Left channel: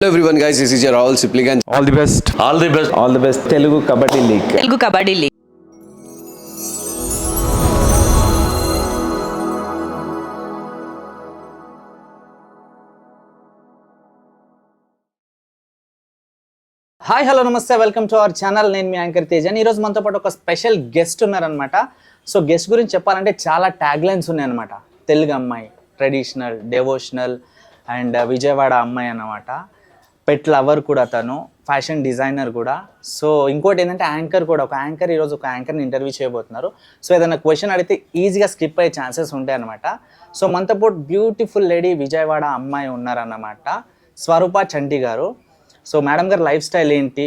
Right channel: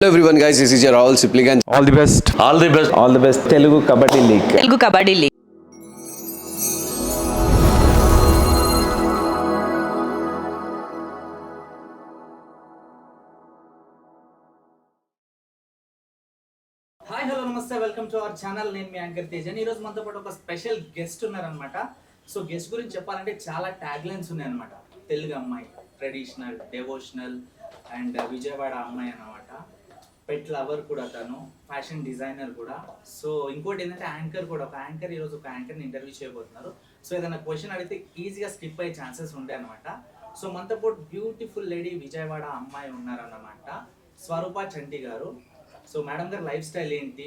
Hello everyone guys, this is your Rahul Sipligan. All the best. All the best. All the best. Telugu Kabaddi League. Telugu kabaddi league. Hi hello నమస్తే, welcome to our channel. నేను మీ anchor తేజన్. ఈరోజు మనతో పాటు ఒక special guest ఉన్నారనమాట. So guest గురించి చెప్పాలంటే చాలా ట్యాగ్ లైన్స్ ఉన్నాయన్నమాట. తెలుగు అమ్మాయి, ట్రెడిషనల్, డెవోషనల్ అండ్ విజయవాడ అమ్మాయి అన్నమాట. పెట్ లవర్ కూడా, తను ఫ్యాషన్ డిజైనర్ కూడా. సో ఇంకోటి ఏంటంటే యాంకర్ కూడా. ఒక యాంకర్ ఈరోజు ఒక యాంకర్ని ఇంటర్వ్యూ చేయబోతున్నారు. సో ఏదైనా క్వశ్చన్ అడిగితే ఈజీగా స్కిప్ అయ్యే ఛాన్సెస్ ఉంటాయి అనమాట. సో మనతో పాటు బ్యూటిఫుల్ లేడీ విజయవాడ అమ్మాయి ఉన్నారన్నమాట, స్వరూప చంటి గారు. సో మేడం గారు లైఫ్ స్టైల్ ఏంటి,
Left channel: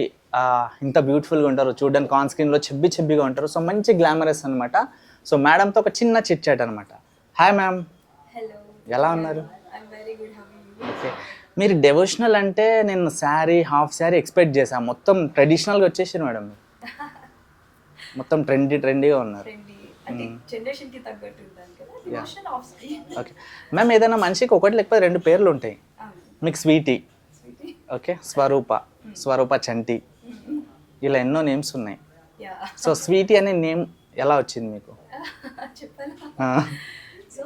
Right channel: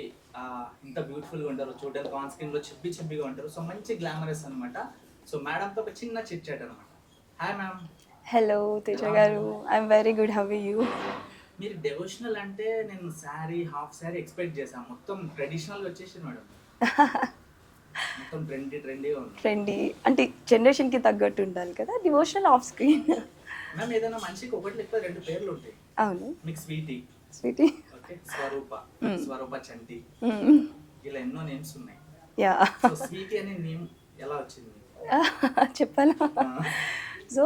ఇంత బ్యూటిఫుల్గా ఉంటారు, చూడడానికి ఆన్ స్క్రీన్లో చెబ్బిగా ఉంటారు. సో మంచి గ్లామరస్ అనమాట. సో మేడంతో ఒక చిన్న చిట్ చాట్ అనమాట. Hi ma'am. హలో ఎలా తేజ గారు, ఉన్నారు? I'm very good. How are you? మీరు డెవోషనల్ అంటే నేను శారీ, హాఫ్ శారీ ఎక్స్పెక్ట్ చేశాను. మొత్తం ట్రెడిషనల్గా వచ్చేసారు మేడం. మొత్తం ట్రెండీగా ఉన్నారు. ట్రెండీ అంటే జనరేషన్ కి తగ్గట్టు ఉండాలి కదా. Devotion off screen. Okay ma'am, ఏదైనా మనిషికి ఒకటి లేకపోతే రెండు పేర్లు ఉంటాయి. అవును, మీకు స్వీటీ, స్వీటీ. ఓకే, స్వరూప చంటి, ఇలా ఎన్నో నేమ్స్ ఉన్నాయి. యా, సో స్వీటీ అనే నేమ్ ఎలా వచ్చింది మీకు? చెప్పాలా? సో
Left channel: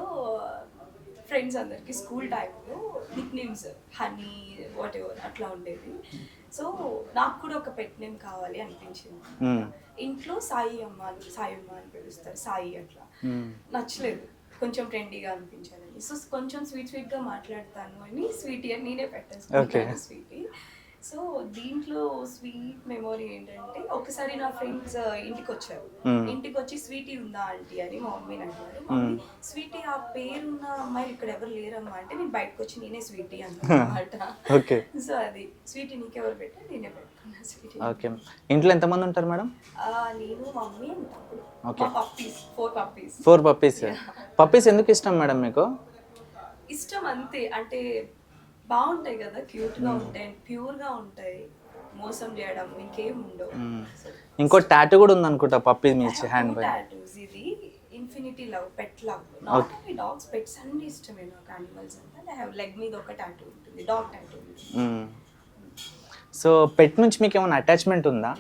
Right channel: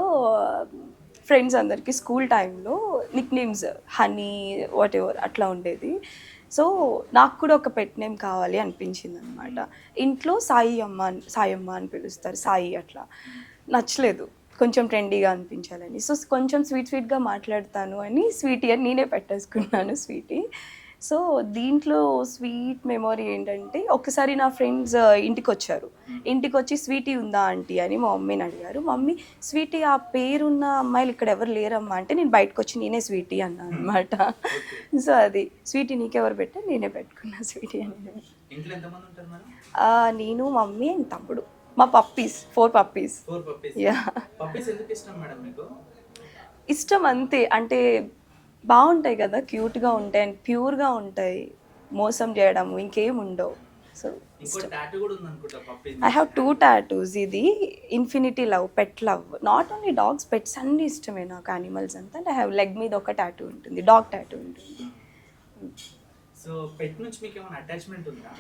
ఫ్రెండ్స్ అందరికి స్కూల్ టైంలో Nick names honey what ever అట్లా ఉండేది. సో నాకు కూడా ఒక పెట్ నేమ్ కావాలి అనిపించింది అనమాట. ఇంట్లో సాయమ్మ అని పిలుస్తారు, సాయి అట్లా. నచ్చలేదు, కొంచెం ట్రెండీగా అనిపించాలని. సో కొంచెం స్వీట్గా మాట్లాడతాను అని స్వీటీ అని నేనే పెట్టేసుకుంటాను, స్వీటీ. సో దీంట్లో స్వీట్ మెమొరీ ఏంటంటే, ఒకసారి నా ఫ్రెండ్స్ ఇంటికి వచ్చారు. ఇంటికి వచ్చి స్వీటీ ఉందా ఆంటీ అని మా మమ్మీని అడిగారు. మమ్మీ స్వీటీ ఆ పేరున్న అమ్మాయిలు ఇక్కడ ఎవరు లేరమ్మా అంటే, నేను బయటకు వచ్చి నేనే స్వీటీ అన్నా అనమాట. సో అది స్వీటీ నీకెవరు పెట్టా, నేనే పెట్టుకున్నా స్వీటీ. ఓకే, ఇంట్లో ఎంతమంది ఉంటారు మేడం? నేను, మమ్మీ అండ్ తమ్ముడు. మా పప్పీస్ 4 పప్పీస్. 4 పప్పీస్. పప్పీస్ ఎందుకు ఇష్టం మేడం మీకు? ఇష్టం అంతే, అంటే బాగుంటాయి కదా, క్యూట్గా ఉంటాయి అండ్ ప్యూర్గా ఉంటాయి, మోసం చేయడం ఇంకేం ఉండవు. సో ఇంకో టాటూ కూడా ఉంది అనుకుంటా పప్పీ. I have 2 tattoos. ఇది infinity love, pet love. Not only dogs, pets అన్ని ఇష్టమే నాకు, యానిమల్స్ అంతా. అండ్ ఐ హావ్ లెగ్ మీద ఒక టాటూ ఉంటుంది, డాగ్ టాటూ ఉంటుంది. సో పెట్ నుంచి మీకు ఏమైనా అటాచ్మెంట్ ఉందా?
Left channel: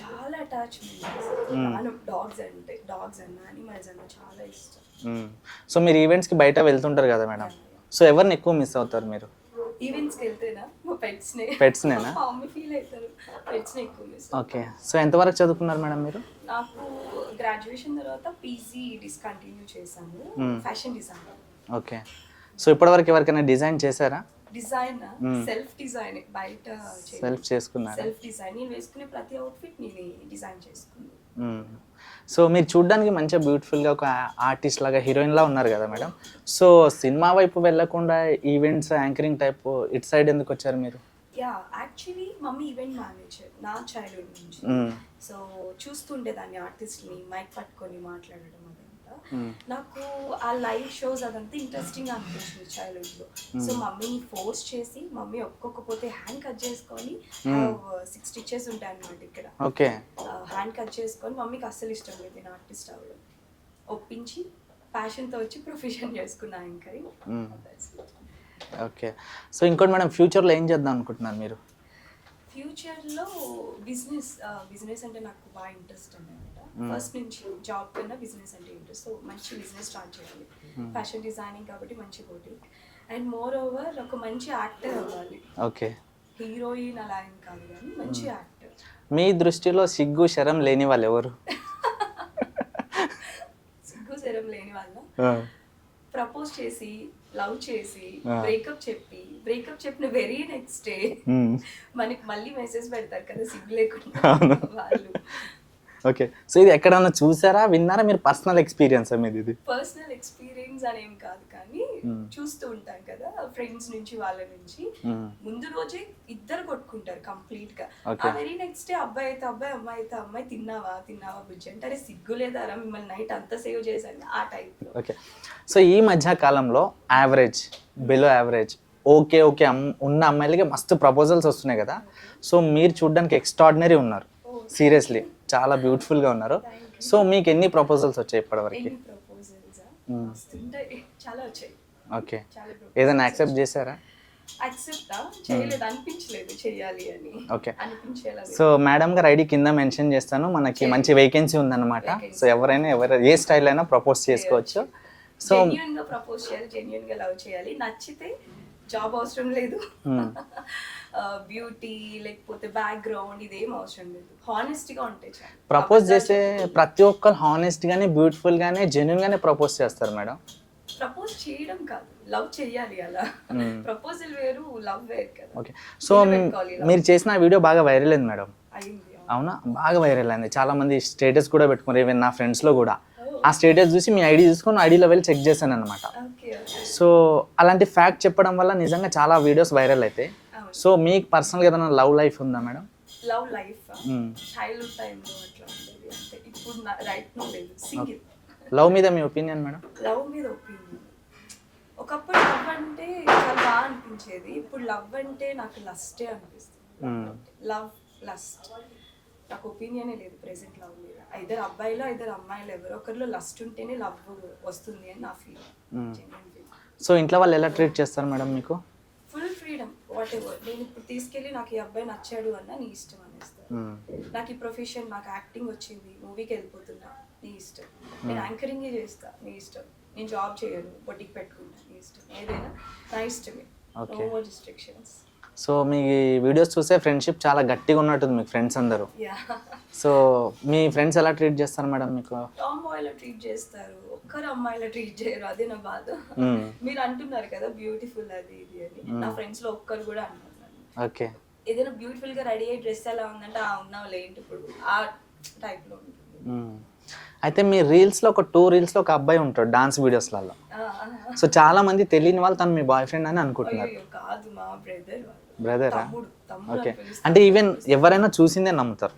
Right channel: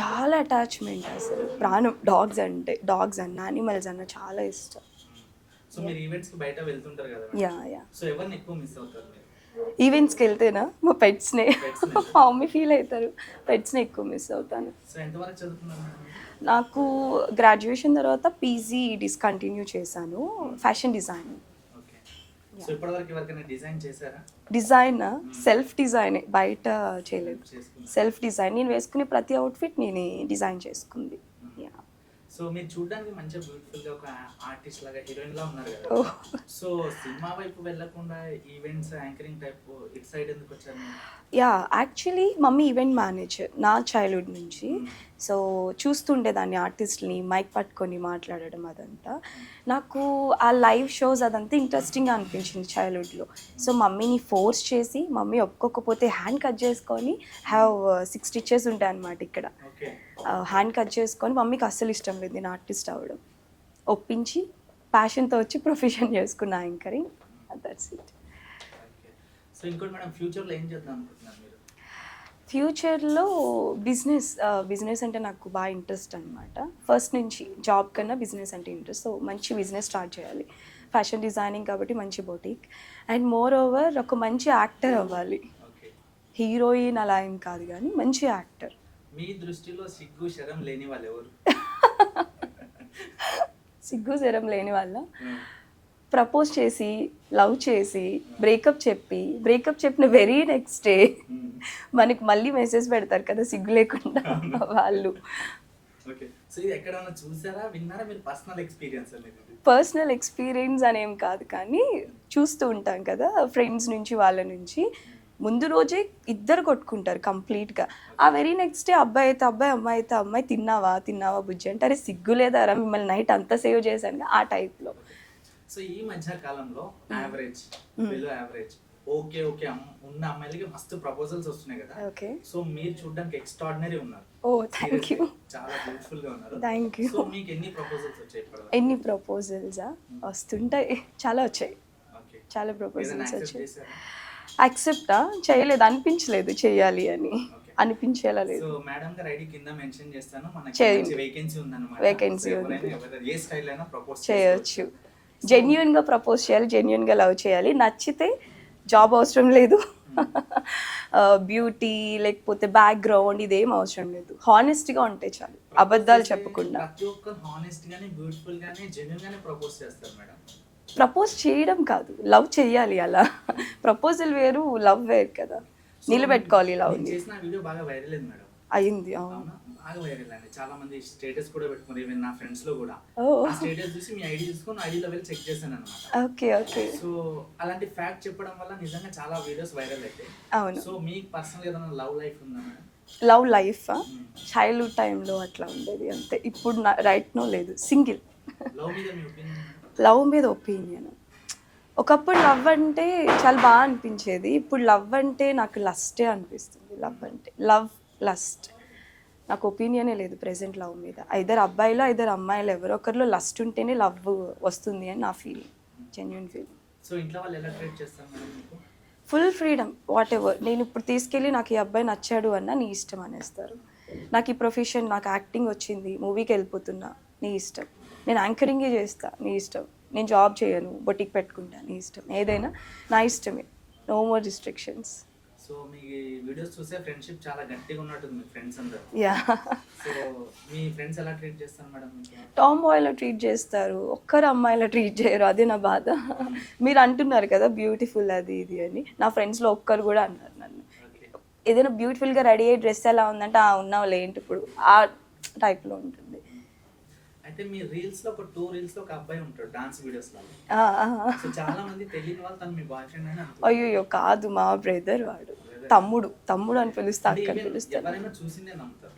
చాలా అటాచ్మెంట్ అసలు, ప్రాణం. డాగ్స్ అన్న యానిమల్స్ అన్న చాలా ఇష్టం. సో మీరు ఈవెంట్స్కి బయట వెళ్తుంటారు కదా మేడం, సో ఎవరిని ఎక్కువ మిస్ అవుతారు మీరు? ఈవెంట్స్కి వెళ్తేనా మా పెట్స్నే. పెట్స్నే మా మమ్మీ ఫీల్ అవుతారు, పెట్స్ని ఎక్కువ మిస్ ఓకే. అవుతారు. సో ఎంతవరకు చదువుకున్నారు మేడం మీరు? నాకు గ్రాడ్యుయేషన్ తర్వాత పీజీ డిస్కంటిన్యూ చేశాను, ఫ్యాషన్ డిజైనింగ్. ఓకే. సో ఇప్పటివరకు ఎవరికైనా డిజైన్ చేశారా? డిజైన్ సెల్ఫ్ డిజైన్, బయట సెల్ఫ్ చేసుకున్నారు? Self design. నేను వేసుకునే ప్రతి అవుట్ఫిట్ నేనే డిజైన్ చేసుకుంది. సో మీరు చూడడానికి మంచిగా బ్యూటిఫుల్గా ఒక ఆర్టిస్ట్ లాగా, హీరోయిన్ లా ఉన్నారు కదా మేడం. సో సినిమా వైపు వెళ్ళకుండా ఈవెంట్స్, యాంకరింగ్ టైప్ ఇటు సైడ్ ఎందుకు వచ్చారు మీరు? Yeah, actually mummy event manager నా చైల్డ్హుడ్ నుంచి. సో చూస్తుండేదాన్ని ఆర్టిస్ట్ని మైక్ పట్టుకొని మాట్లాడడం అదంతా. నాకు ఆ లైవ్ షోస్ అదంతా ఇంట్రెస్టింగ్గా అనిపించింది చైల్డ్హుడ్లో. సో మమ్మీని ఫోర్స్ చేసి, మమ్మీ ఒక్కొక్కపోతే హ్యాండ్ కట్ చేసుకొని, హ్యావ్ 6 స్టిచెస్ ఉంటాయి అన్నమాట ఇక్కడ. ఓకే. హ్యాండ్ కట్ చేసుకొని, మమ్మీకి అస్సలు ఇష్టం లేదు నేను ఆర్టిస్ట్ అవ్వడం. ఒప్పించి ప్యాషన్తో వచ్చి ప్రొఫెషన్ చేసుకున్న anchoring. That's it. Okay. So ఇంకోటి మేడం, ఫ్యూచర్లో ఏం చేద్దాం అనుకుంటున్నారు మీరు? ఫ్యూచర్లో బిజినెస్ అంటే నాకు బాగా ఇంట్రెస్ట్ అనమాట. ఫస్ట్ నుంచి జాబ్ కన్నా బిజినెస్ అంటే ఇంట్రెస్ట్. సో మంచి బిజినెస్ స్టార్ట్ చేయాలి. ఫ్యాషన్ డిజైనింగ్ కాబట్టి మంచి బొటిక్. అండ్ మోర్ ఓవర్ ఒక మంచి యాక్టర్ అవ్వాలి. ఓకే. హీరోయిన్ అలా ఏం కాదు కానీ మంచి యాక్టర్. మీ దృష్టిలో సిగ్గు శరం లేని వాళ్ళు ఎవరు? సిగ్గు శరం లేని వాళ్ళ, ప్రపోజ్ చేసి, లవ్ చేసి, బ్రేకప్ చెప్పిన వెరీ నెక్స్ట్ డే మనకి మళ్ళీ మెసేజ్ పెడతారు కదా సిగ్గు లేకుండా వాళ్ళు. ఓకే. సో ఇది ఎక్కడన్నా చూసారా, విన్నారా? మీరు పర్సనల్ ఎక్స్పీరియన్స్ మీది? ఇది పర్సనల్ ఎక్స్పీరియన్స్ అనేం కాదు కానీ చూస్తూ ఉంటాం కదా ఫ్రెండ్స్ నుంచి, వాళ్ళ నుంచి. ముందు రోజే ఇద్దరు కొట్టుకుంటారు కంప్లీట్ గా. ఆ వెరీ నెక్స్ట్ డే అబ్బాయి అయితే అబ్బాయి, అమ్మాయి అయితే అమ్మాయి, తిన్నావా బుజ్జి అంటే, అరే సిగ్గు లేదారా మిమ్మల్ని నైట్ అంతా సేవ్ చేశాను ఆ టైప్ లో. ఓకే. సో ఈ మధ్య కాలంలో యావరేజ్, బిలో యావరేజ్, ఓకే ఉన్న అమ్మాయిలకి మస్తు ప్రపోజల్స్ వస్తున్నాయి కదా. సో మీరు చూడడానికి ఎక్స్ట్రాడినరీ ఉన్నారు, సీరియస్లీ చాలా బ్యూటిఫుల్ గా ఉన్నారు. సో మీకు ఎన్ని ప్రపోజల్స్ వచ్చాయి ఇప్పటివరకు? ఎన్ని ప్రపోజల్స్ వస్తుంటాయి, చాలా వచ్చాయి. ఓకే. చాలా ఏదైనా యాక్సెప్ట్ చేశారా? యాక్సెప్టా చేయలేదు, అనిపించలేదు చేయాలి అని. ఓకే. అనిపించేలా లేదు. సో మేడం గారు ఐడి కింద మెన్షన్ చేస్తాను, మనకి మంచి వేకెన్సీ ఉందన్నమాట. సో ఎవరైనా ఏ స్టైల్ అయినా ప్రపోజ్ చేసుకోవచ్చు. జెన్యున్ గా ప్రపోజ్ చేయాలి, జెన్యున్ గా లవ్ చేయాలి. నచ్చితే జాబ్ అవసరం లేదు, బ్యూటీ లేకపోతే బ్యాక్గ్రౌండ్ ఇదేం అవసరం లేదు, హానెస్ట్ గా ఉంటే చాలు. ప్రపోజ్ చేసే ప్రతి ఒక్కరు హానెస్ట్ గానే, బ్యూటిఫుల్ గానే, జెన్యున్ గానే ప్రపోజ్ చేస్తారు మేడం. ప్రపోజ్ చేయడం కాదు, లవ్ చెయ్యాలి. అలా ప్రపోజల్ వేరు, లవ్ వేరు కదా. సో మీరు చేసిన వీడియో బాగా వైరల్ అయింది మేడం. అయింది. అవునా, బాగా వైరల్ అయింది. చాలా మంది స్టేటస్ కూడా పెట్టుకున్నారు, ఈవెన్ నా ఫ్రెండ్స్ లో కూడా. ఆ స్టేటస్ చూసి మీ ఐడి చూసుకొని ఐడిలో వెళ్ళి చెక్ చేశాను అనమాట. సో అలాంటి ఫ్యాక్ట్ చెప్పడం వల్ల నిజంగా చాలా వీడియోస్ వైరల్ అయితే. సో మీకు పర్సనల్ గా ఏదైనా లవ్ లైఫ్ ఉందా మేడం? లవ్ లైఫ్ చైల్డ్హుడ్ టైంలో అట్లా ఉండేది అంతే. ఇప్పుడు రైట్ నో లేదు, సింగిల్. లవ్ మీద మీ ఒపీనియన్ మేడం? లవ్ మీద ఒపీనియన్, ఒకప్పుడు లవ్ అంటే చాలా బాగా అనిపించేది, ఇప్పుడు లవ్ అంటే నాకు లస్టే అనిపిస్తుంది. లవ్ అంటే లవ్ లస్ట్, నాకు ఒపీనియనే లేదు ప్రెసెంట్ లవ్ మీద. ఐదర్ అబ్బాయిలో ఐదర్ అమ్మాయిలు ఎవరో ఒకరిలో లస్ట్ ఉంటేనే లవ్ వస్తుంది అని నా ఫీలింగ్, జెన్యున్ ఫీలింగ్. సో ఇంట్లో వాళ్ళు ఎలా ట్రీట్ చేస్తారు మేడం మీకు? Full freedom, what ever. నేను ఇప్పుడు తీసుకెళ్ళి నాకు ఈ అబ్బాయి నచ్చాడు అన్న నీ ఇష్టం అనేస్తారు. నాకు ఈ ప్రొఫెషన్, నాకు యాక్టింగ్ వచ్చింది, మూవీకి వెళ్ళిపోతున్నా, నీ ఇష్టం. నేను యాంకరింగే చేస్తా, నీ ఇష్టం. నేను జాబ్ చేయను, బొటిక్ పెట్టుకుంటా, నీ ఇష్టం. ఏదైనా నా ఇష్టమే, నో మోర్ రిస్ట్రిక్షన్స్. సో మీ వీడియోస్ చూసే ఫ్రెండ్షిప్ చాలా గట్టిగా ఉన్నట్టుంది మీకు ఫ్రెండ్స్ అందరూ. యా. సో మీ ఫ్రెండ్స్ ఎలా ట్రీట్ చేస్తారు మేడం మీకు? టామ్ బాయ్లో ట్రీట్ చేస్తారు, ఒక్కరు అమ్మాయిలో ట్రీట్ చేయరు, అదే నా బాధ. మీరు అంటున్నారు కదా బ్యూటిఫుల్ అది ఇది అని, నా ఫ్రెండ్స్ లో ఒక్కరు కూడా అన్నారు నన్ను. ఓకే. ఏదైనా బ్యూటిఫుల్ గా రెడీ అయ్యి డ్రెస్ ఎలా ఉందంటే ఉన్నావు లేంటి ఇప్పుడు ఆ టైప్ లో ఉంటుంది. అయితే మీ రీల్స్ లో ఒక 2 రీల్స్ లో ఒక అబ్బాయి ఉంటాడు డాన్స్ వీడియోస్లలో. సో చాలా మంది తెలియని వాళ్ళు తను మీ బాయ్ ఫ్రెండ్ అని అనుకుంటారు. అయ్యో కాదు, మా బ్రదర్. వాడు బ్రదర్, తమ్ముడు అని పిలుస్తారు. అంటే ఈవెన్ ఎవరైనా చూసిందే నమ్ముతారు.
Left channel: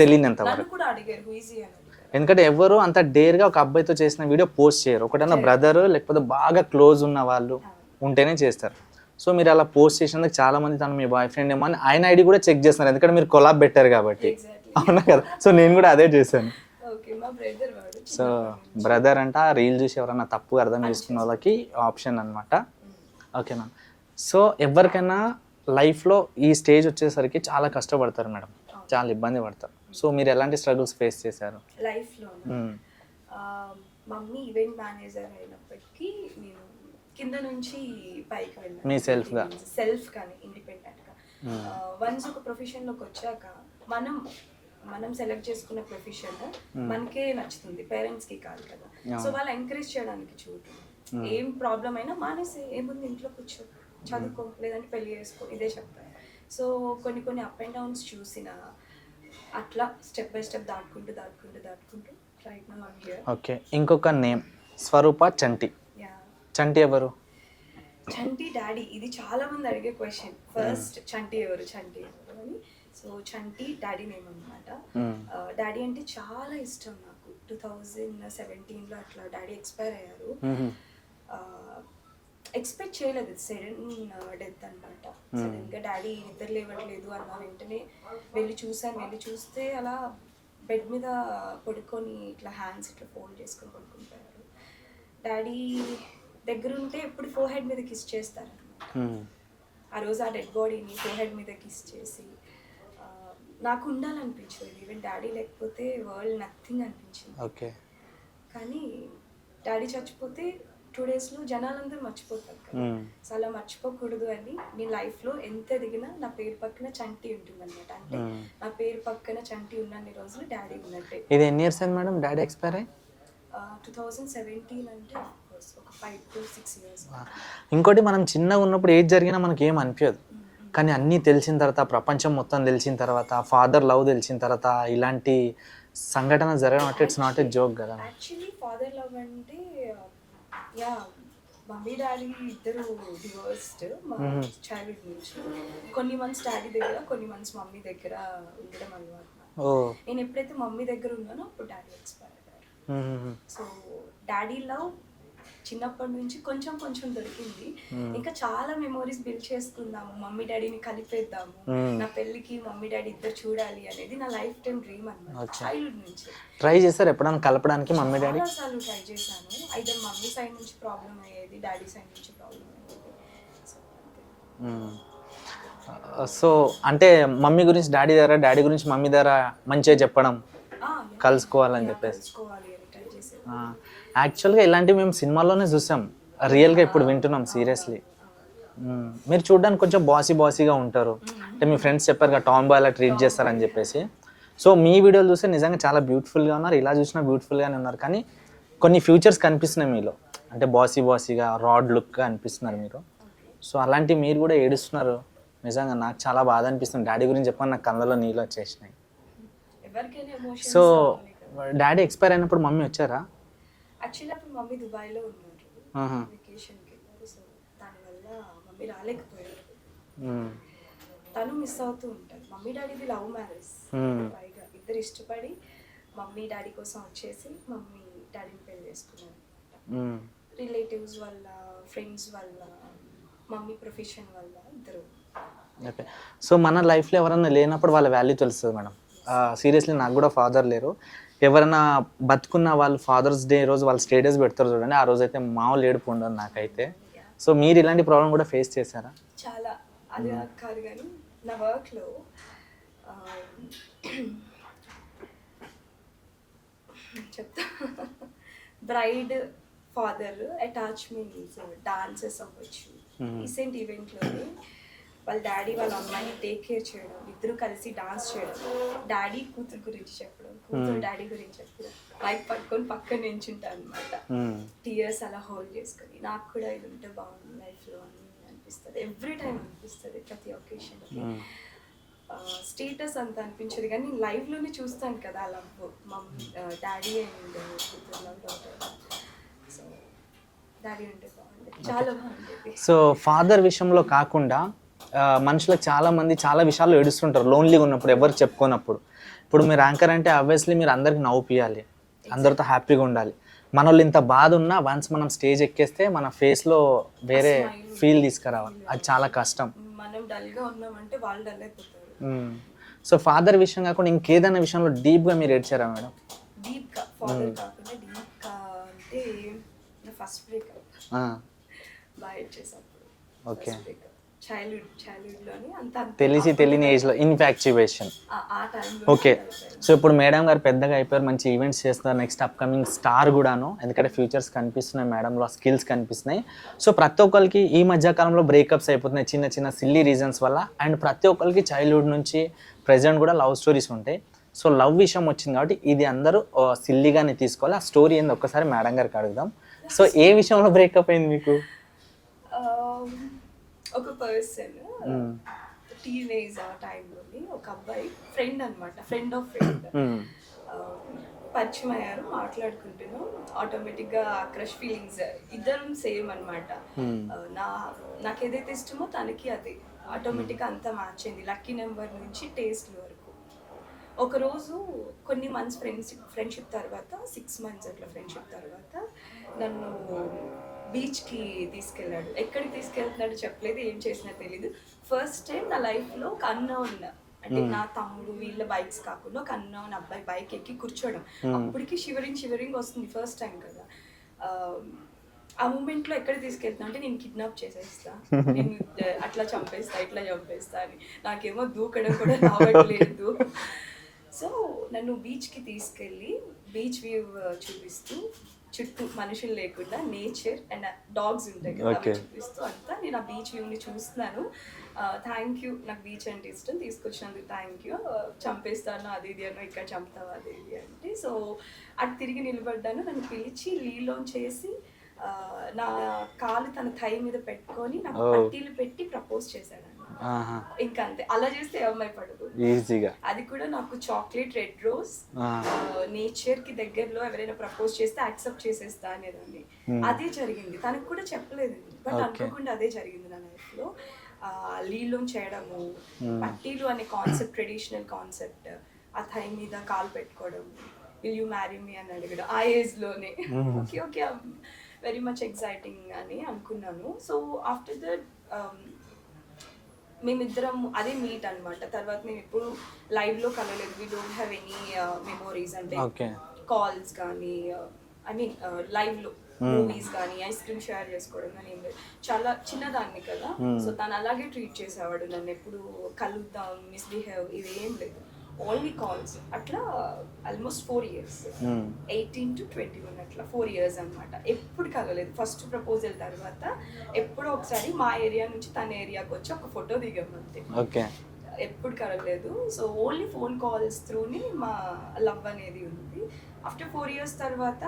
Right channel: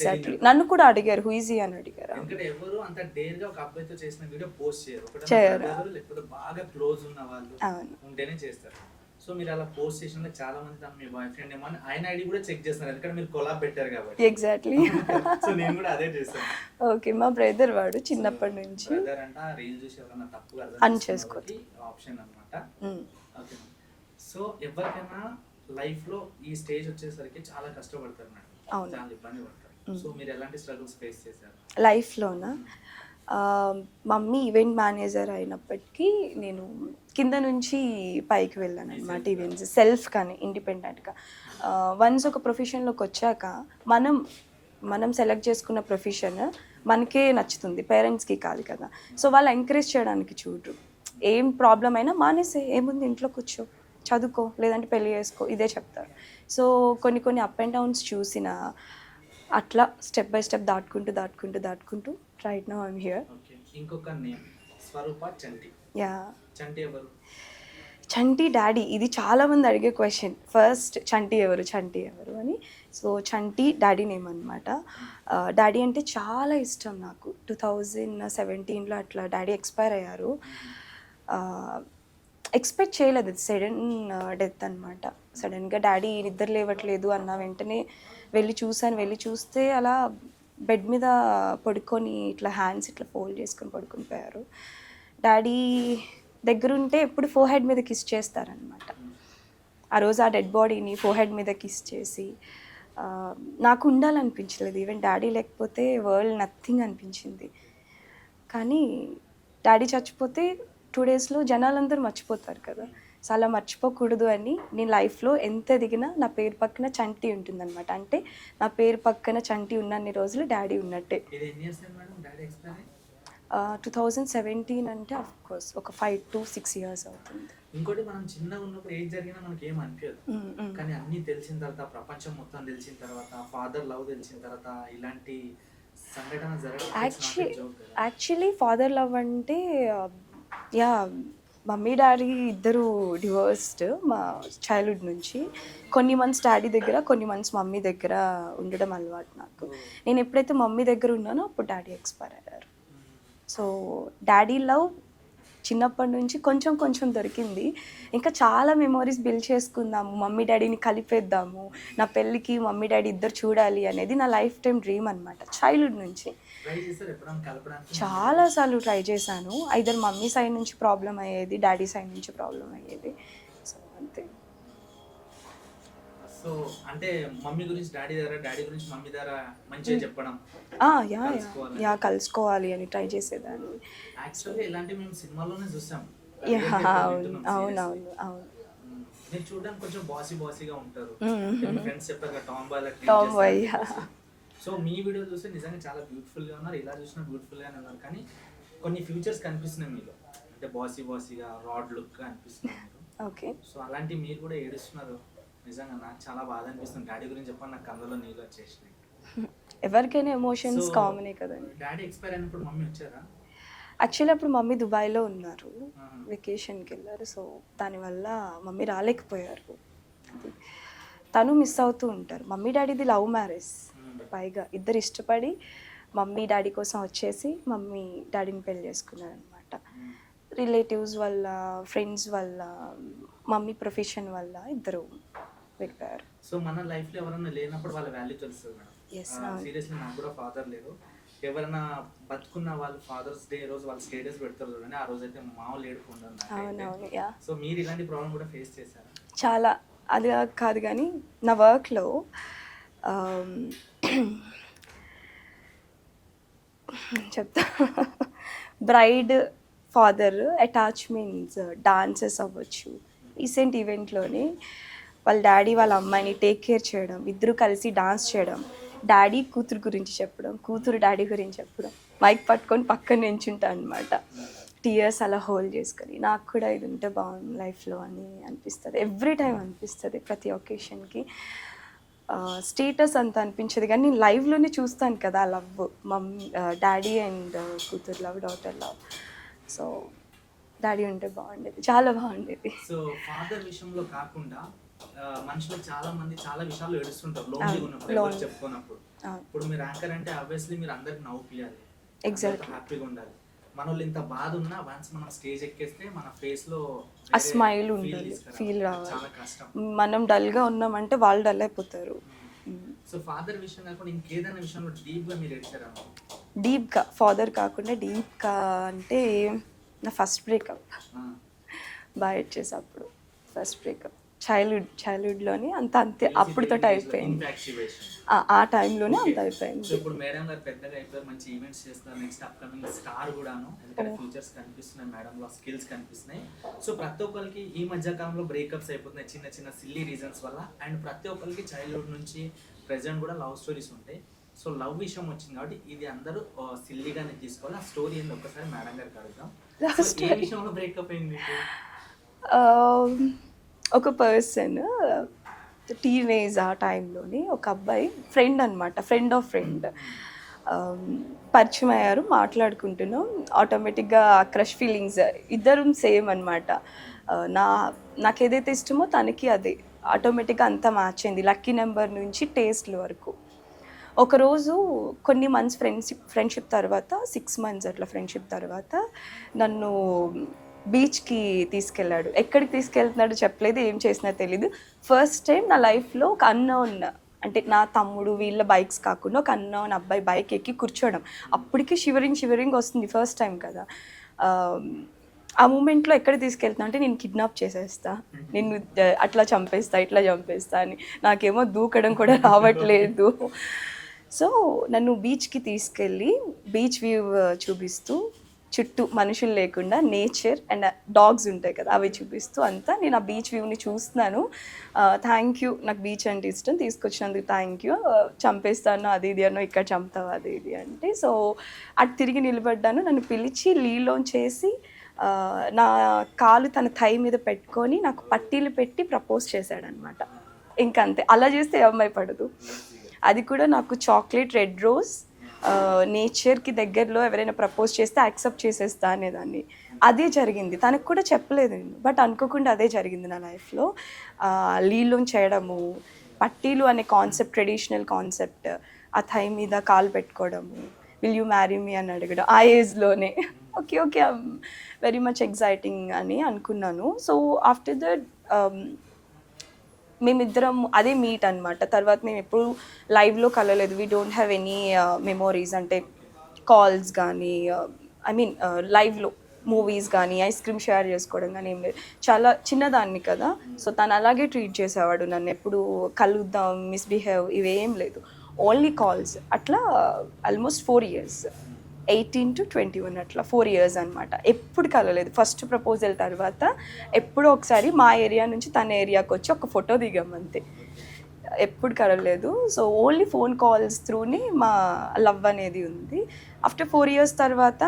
తెలియనంత నన్ను కూడా అడిగారు హుయిజీ అని అడిగారు. ఎందుకంటే ఎవరు అంత డేర్ గా ఒక అబ్బాయితో చేసిన వీడియో పోస్ట్ చేయరు. ఒకటన్నా బ్రదర్ లేకపోతే బాగా క్లోజ్ ఉన్న వాళ్ళు ఉంటేనే చేస్తారు. సో మీరు అలా పోస్ట్ చేసినందుకు చాలా మంది తను మీ బాయ్ ఫ్రెండ్ ఏమో అని ఆయన ఐడి కూడా చెక్ చేస్తున్నారు, ఎందుకంటే మీరు కొలాబ్ పెట్టారు కాబట్టి. ఎగ్జాక్ట్లీ. అవునా కదా? సో నేను కూడా అదే చేశాను. ఓకే, మా బ్రదర్ వాడు చిన్నప్పటి నుంచి. బ్రదర్ అంటే ఆ రీల్ చూసి ఎవరైనా తప్పు అర్థం చేసుకున్న వాళ్ళకి ఆప్షన్ అన్నమాట. ఓకేనా? సో ఎవరికైనా లైఫ్ లో ఈ స్టేజ్ వచ్చేసరికి చాలా కష్టపడతారు మేడం, చాలా ఇబ్బంది పడతారు. సో మీరు ఎలాంటి స్ట్రగుల్స్ ఫేస్ చేశారు లైఫ్ లోనా? మమ్మీ ఈవెంట్ మేనేజర్ అయినప్పటికీ నేను కింద నుంచి పైకి వెళ్ళాను, సెల్ఫ్ కానీ ఇండిపెండెంట్గా. వన్స్ ఒక ప్రొఫెషన్లోకి వచ్చాక మనం సెలెక్ట్ చేసుకున్న ప్రొఫెషన్ మనకే నచ్చుతుంది, పేరెంట్స్కి కాదు కదా. సో వాళ్ళు ఎంకరేజ్ చేయడానికి చూడరు. ఏం ప్రాబ్లం అయినా మానేసే, ఏముంది ఇంట్లో కూర్చో, చదువుకో, లేదంటే పెళ్లి చేసుకో, ఇదే చెప్తారు. సో కొన్ని అప్ అండ్ డౌన్స్ చూసిన అట్లా స్టెప్ బై స్టెప్ దాటుకుంటూ right now I'm here. Okay. ఇంకొక నేమ్ స్వరూప చంటి. యా. చంటి ఎవరు? చంటి డాడీ. ఇది చాలా మంది అడిగే క్వశ్చన్ ఫస్ట్, చంటి ఎవరు అని. సో చంటి డాడీ నేమ్ అనమాట. డాడీ అంటే చాలా ఇష్టం నాకు. 2017లో అట్లా డాడీ ఎక్స్పైర్ అయ్యారు. ఎక్స్పెక్ట్ చేయలేదు, సడన్ డెత్ అనమాట. సడన్గా డాడీ నిద్ర లేవట్లేదు అన్న వెంటనే వెళ్ళి చూస్తే అలా బెడ్ మీద పడుకొని ఇట్లా హ్యాండ్స్ ఇట్లా ఫోల్డ్ చేసుకొని పడుకొని పోయారు. డాడీ దగ్గరుంటే ఎప్పుడు ఫోర్ హెడ్ మీద కిస్ చేస్తారనమాట. ఆ రోజు ఆ డెడ్ బాడీని ఫోర్ హెడ్ మీద కిస్ చేసి నాకు ఉండాలనిపించలేదు. ఈవెన్ డాడీ లేకపోతే వరల్డ్ నథింగ్ అనిపించింది. కానీ డాడీ చచ్చిపోతే 2 daysలో జనాలందరూ మర్చిపోతారు కదా. సో అలా మర్చిపోకూడదు అని నేను లైఫ్లో ఎంత ఎదిగినా నా పేరు పక్కన చంటి ఉంటుందన్నమాట. అంటే నా పేరు పక్కన చంటి ఉన్నన్ని రోజులు డాడీ ఉన్నట్టే. ఇది ఎన్ని ఇయర్స్ అయింది మేడం డాడీ ఎక్స్పైర్ అయ్యి? 2017 అంటే ఆఫ్ కోర్స్ ఒక 5 to 6 years. ఇంకోటి, మనం చిన్నగా ఉన్నప్పుడు ఏది జరిగినా మనకి ఏం అనిపించదు, కానీ అన్నీ తెలిసిన తర్వాత, ప్రపంచం మొత్తం తెలిసిన తర్వాత, ఫాదర్ లవ్ తెలిసిన తర్వాత ఇలాంటి సంఘటన జరగడం అంటే ఇట్స్ నాట్ ఏ జోక్ కదా. యాక్చువల్లీ ఫాదర్ లవ్ అంటే యా, మమ్మీ డాడీ ఇద్దరు డివోర్స్డ్ మా చైల్డ్హుడ్ నుంచి. కొన్ని మంత్స్ డాడీ దగ్గర, కొన్ని మంత్స్ మమ్మీ దగ్గర ఉండడం అలవాటు నాకు. నేను ఎప్పుడైతే మమ్మీ దగ్గర ఉన్నానో అప్పుడు డాడీ ఎక్స్పైర్ అయ్యారు. సో డాడీ లవ్ చిన్నప్పటి నుంచి కొంచెం దొరికింది. ఇంకా చాలా మెమోరీస్ బిల్డ్ చేసుకుందాము, మమ్మీ డాడీని కలిపేద్దాము, నా పెళ్ళికి మమ్మీ డాడీ ఇద్దరు చూడాలి అనేది నా లైఫ్ టైం డ్రీమ్ అనమాట. చైల్డ్హుడ్ నుంచి ట్రై చేశారు ఎప్పుడైనా కలపడానికి? చాలా సార్లు ట్రై చేశాను. ఐదర్ మమ్మీ సైడ్ నుంచి ప్రాబ్లం అయ్యేది, డాడీ సైడ్ నుంచి ప్రాబ్లం అయ్యేది. సో అంతే. సో అంటే మమ్మీ గురించి డాడీ దగ్గర, డాడీ గురించి మమ్మీ దగ్గర మంచిగా చెప్పడం, కలుసుకోవాలని కలుసుకోవాలి అని ట్రై చేసేదాన్ని. యాక్చువల్గా ఇలాంటివి మేము సినిమాల్లోనే చూసాం, రియల్గా ఇప్పుడు వింటున్నాం సీరియస్లీ. మీరు చూడడానికి కొంచెం బాసీగా ఉంటారు, అంటే మీ ఫ్రెండ్స్ చెప్పారు కదా టామ్ బాయ్ అలా ట్రీట్ చేస్తారని చెప్పేసి. సో మీ వీడియోలు చూస్తే నిజంగా చాలా బ్యూటిఫుల్గా ఉన్నారు, ఇలా చూసినా బ్యూటిఫుల్గానే ఉన్నారు. కానీ కొన్ని ఫ్యూచర్స్ కనిపిస్తున్నాయి మీలో, అంటే బాసీగా రాడ్ లుక్గా అనిపిస్తున్నారు మీరు. సో అలాంటి మీరు కూడా ఏడుస్తున్నారు, నిజంగా నాకు చాలా బాధ అనిపిస్తుంది. డాడీ గురించి చెప్పని నాకు కళ్ళలో నీళ్ళు వచ్చేసినాయి. ఎవరికైనా ఎమోషన్స్ సో కామనే కదా. డాడీ ఎక్స్పైర్ అయినప్పుడు మమ్మీ వచ్చారా? యాక్చువల్లీ అప్పుడు మమ్మీ దుబాయ్లో ఉన్నారు, వెకేషన్కి వెళ్ళారు. సో దానివల్ల మమ్మీ రాలేకపోయారు. తను మిస్ అవుతూ ఉంటారు. మమ్మీ డాడీది లవ్ మ్యారేజ్, పైగా ఇద్దరు ఇష్టపడి మమ్మీ డాడీ కోసం వచ్చేసి మమ్మీ డాడీని పెళ్లి చేసుకున్నారు అనమాట. రిలేటివ్స్ వల్ల, ఫ్రెండ్స్ వల్ల, మమ్మీ ప్రొఫెషన్ వల్ల ఇద్దరు. సో మన లైఫ్లో ఎవరైనా లేనప్పుడు వాళ్ళ వాల్యూ తెలుస్తుంది మేడం. సీరియస్లీ నాకు కూడా ఫాదర్ లేరు. ఎవరైనా బతుకున్న వాళ్ళు ఫాదర్స్ డే రోజు వాళ్ళు స్టేటస్ పెడతారు చూడండి, ఆ రోజు అయితే మామూలు ఏడుపు ఉండదు నాకైతే. సో మీరు ఇలాంటి ప్రాబ్లం కూడా ఫేస్ చేశారా? చాలా. అది కాదు కానీ నా వర్క్లో చెప్తా, బ్రైడ్ ఫాదర్ అటాచ్మెంట్స్, డాన్సెస్ అవ్వచ్చు, రీసెంట్ ఈవెంట్లోనే వాళ్ళ డాడీ వాళ్ళ అమ్మాయిని టేక్ కేర్ చేయడం, ఇద్దరు కలిసి డాన్స్ చేయడం, డాడీ కూతురు గురించి చెప్పడం, కూతురు డాడీ గురించి చెప్పడం, మైక్ పట్టుకొని పక్కన నించుంటా అనమాట, టీయర్స్ అలా హోల్డ్ చేసుకొని. నాకు కూడా ఇది ఉంటే బాగుంది లైఫ్లో అని అనిపిస్తుంది, ఎవ్రీ టైం అనిపిస్తుంది, ప్రతి ఒకేషన్కి. స్టేటస్ అంత అనిపించదు కానీ నేను లైవ్లోనే చూస్తాను కదా లవ్, మమ్మీ డాడీ అండ్ కూతురు love, daughter love. So daddy ఉంటే బాగుండేది, చాలా బాగుండేది. సో ఫాదర్ విషయంలో కాకుండా మనుషులకు చాలా మంది చాలా విషయాల్లో ఏడుస్తుంటారు లోన్లీగా ఉన్నప్పుడు, ఎవరు చెప్పుకోనప్పుడు. ఇప్పుడు మీరు యాంకర్ అంటే ఆబ్వియస్లీ మీరు అందరికి నవ్వుపియాలి, అందరితో హ్యాపీగా ఉండాలి. మన వాళ్ళు ఇంత బాధ ఉన్నా వన్స్ మనం స్టేజ్ ఎక్కేస్తే మన ఫేస్ లో వేరే ఫీల్ తీసుకురావాలి, అది చాలా కష్టం. మనం డల్ గా ఉన్నామంటే వాళ్ళు డల్ అయిపోతారు. సో ఫాదర్ విషయం కాకుండా ఇంకేదైనా విషయంలో డీప్ గా మీరు ఏడ్చారా మేడం? డీప్ గా ఫాదర్ కాకుండా డీప్ గా అంటే నా ఫస్ట్ బ్రేకప్ బాగా ఏడ్చేసా అప్పుడు. ఫస్ట్ బ్రేకప్ చైల్డ్హుడ్ లోని అంత తెలియని ఏజ్ లో ఇన్ఫాక్చుయేషన్ ఆ టైంలో. ఓకే. సో ఇప్పుడు మేడం గారు పెద్దగా అయిపోయారు, మంచి ఈవెంట్స్ చేస్తున్నారు, నెక్స్ట్ అప్కమింగ్ స్టార్ కూడాను, ఎందుకంటే ఫ్యూచర్స్ కనిపిస్తున్నాయి మేడంలో, స్కిల్స్ కనిపిస్తున్నాయి. సో ప్రతి ఒక్కరికి ఈ మధ్య కాలంలో బ్రేకప్స్ అయిపోతున్నాయి చిన్న చిన్న సిల్లీ రీజన్స్ వల్ల, అండ్ ప్రతి ఒక్కరికి చైల్డ్హుడ్ నుంచి ప్రెజెంట్ కూడా లవ్ స్టోరీస్ ఉంటాయి. సో లవ్ విషయం వచ్చింది కాబట్టి ఇది అందరూ సిల్లీగానే తీసుకోవాలి. ఆ స్టోరీ ఏంది ఒక్కసారి మేడం గారికి అడుగుదాం. సో ఏ విషయంలో బ్రేకప్ అయింది మీకు? ఒక పర్సన్ టీనేజ్ ఆ టైంలోని ఒక అబ్బాయి ఫ్రెండ్ అనమాట, ఫ్రెండ్ ఆఫ్ ఫ్రెండ్ పరిచయం అయ్యారు, మాట్లాడుకుంటున్నాం. ఆటోమేటిక్గా క్రష్ ఫీలింగ్స్ ఇద్దరం సేమ్ అనమాట. నాకు ఏదైతే ఇష్టమో తనకి అదే, ఆటోమేటిక్గా అంతా మ్యాచ్ అయింది, లక్కీ నెంబర్ నుంచి టేస్ట్ల వరకు. ఒకరోజు కొన్ని మంత్స్ ఫ్రెండ్షిప్ తర్వాత, 6 months అట్లా ఫ్రెండ్షిప్ తర్వాత నన్ను బీచ్కి తీసుకెళ్ళాడు. ఎక్కడికి తీసుకెళ్తున్నాడో చెప్పలేదు, ఏం చేసినా తెలీదు. ఫస్ట్ టైం నా లైఫ్లో ఒక అన్నోన్, అంటే నా తమ్ముడు వీళ్ళ బైక్స్ కాకుండా ఒక అన్నోన్ అబ్బాయి బైక్ ఎక్కి కూర్చోవడం, అప్పటికి షివరింగ్ వస్తుంది, ఫస్ట్ టైం కదా. ఆ మూమెంట్లో ఎక్కడ తీసుకెళ్తున్నా అంటే నేను కిడ్నాప్ చేసేస్తా, నేను అట్లా చంపేస్తా, ఇట్లా చంపేస్తా అని. నాకేమో దూకడం కూడా రావట్లేదు. సో నన్ను బీచ్కి తీసుకెళ్ళి బీచ్ వ్యూ చూపిస్తూ, చుట్టూ మనుషులు లేకుండా నేచర్ అండ్ డాగ్స్ ఉంటాయి కదా అవి చూపిస్తూ అంతా నేను ఆ బీచ్ వ్యూని చూస్తున్నాను. థ్యాంక్ యూ, నాకు బీచ్ అంటే ఇష్టం, తీసుకొచ్చినందుకు థ్యాంక్ యూ, చంపేస్తాను అది ఇది అన్నో, ఇక్కడ చంపుతావు అది ఇది అంటే. సో అటు తిరిగి నిలబడ్డాను, నన్ను పిలిచి లీలోంచేసి నా కాలు తన థై మీద పెట్టుకొని నాకు పట్టీలు పెట్టి ప్రపోజ్ చేశాడు అనమాట. ఇంకా అంతే, అలా చేస్తే ఏ అమ్మాయి పడదు. అది కూడా నాకు చాక్లెట్, రెడ్ రోజ్, నేచర్ కి దగ్గరలో ఎవరైనా ప్రపోజ్ చేస్తే యాక్సెప్ట్ చేసేస్తా అనేదాన్ని. అదే జరిగింది, తనకు కూడా చెప్పలేదండి, బట్ అనుకోకుండా అదే జరిగింది నా లైఫ్లో. లీలు చేయడము, పట్టీలు అనే కాన్సెప్ట్, ట్రెడిషనల్ కాన్సెప్ట్, ఆ థై మీద కాలు పెట్టుకోవడము, విల్ యూ మ్యారీ మీ అని అడగడం ఆ ఏజ్లోనే. Okay okay, very much exciting అని అనుకున్నాను. సో ఆఫ్టర్ దట్ మేమిద్దరం అదే మీట్ అనమాట. తర్వాత మేము ఎప్పుడు లైవ్లో కలవలేదు, we don't have any memories, అంటే కాల్స్ కానీ ఐ మీన్ లైవ్లో మూవీస్ కానీ ఐస్ క్రీమ్ షేర్ చేసుకోవడం కానీ ఏం లేదు. చాలా చిన్నదాన్ని కదా, సో తను అలాగే ట్రీట్ చేసేవాడు నన్ను. ఎప్పుడు కలుద్దాం, మిస్బిహేవ్ ఇవేం లేదు, ఓన్లీ కాల్స్. అట్లా ఆల్మోస్ట్ 4 years, 18 to 21 అట్లా 4 years అనమాట. ఎప్పుడు కలలేదు. ఫస్ట్ ప్రపోజల్ తర్వాత ఎప్పుడో ఒకసారి మా ఏరియా నుంచి తన ఏరియాకి వచ్చి ఒక ఫోటో దిగాం అంతే. ఓకే. ఎప్పుడు కలలేదు. సో ఓన్లీ ఫోన్ కాల్స్ త్రూని మా లవ్ అనేది ఉంది. ఆఫ్టర్ 4 years తర్వాత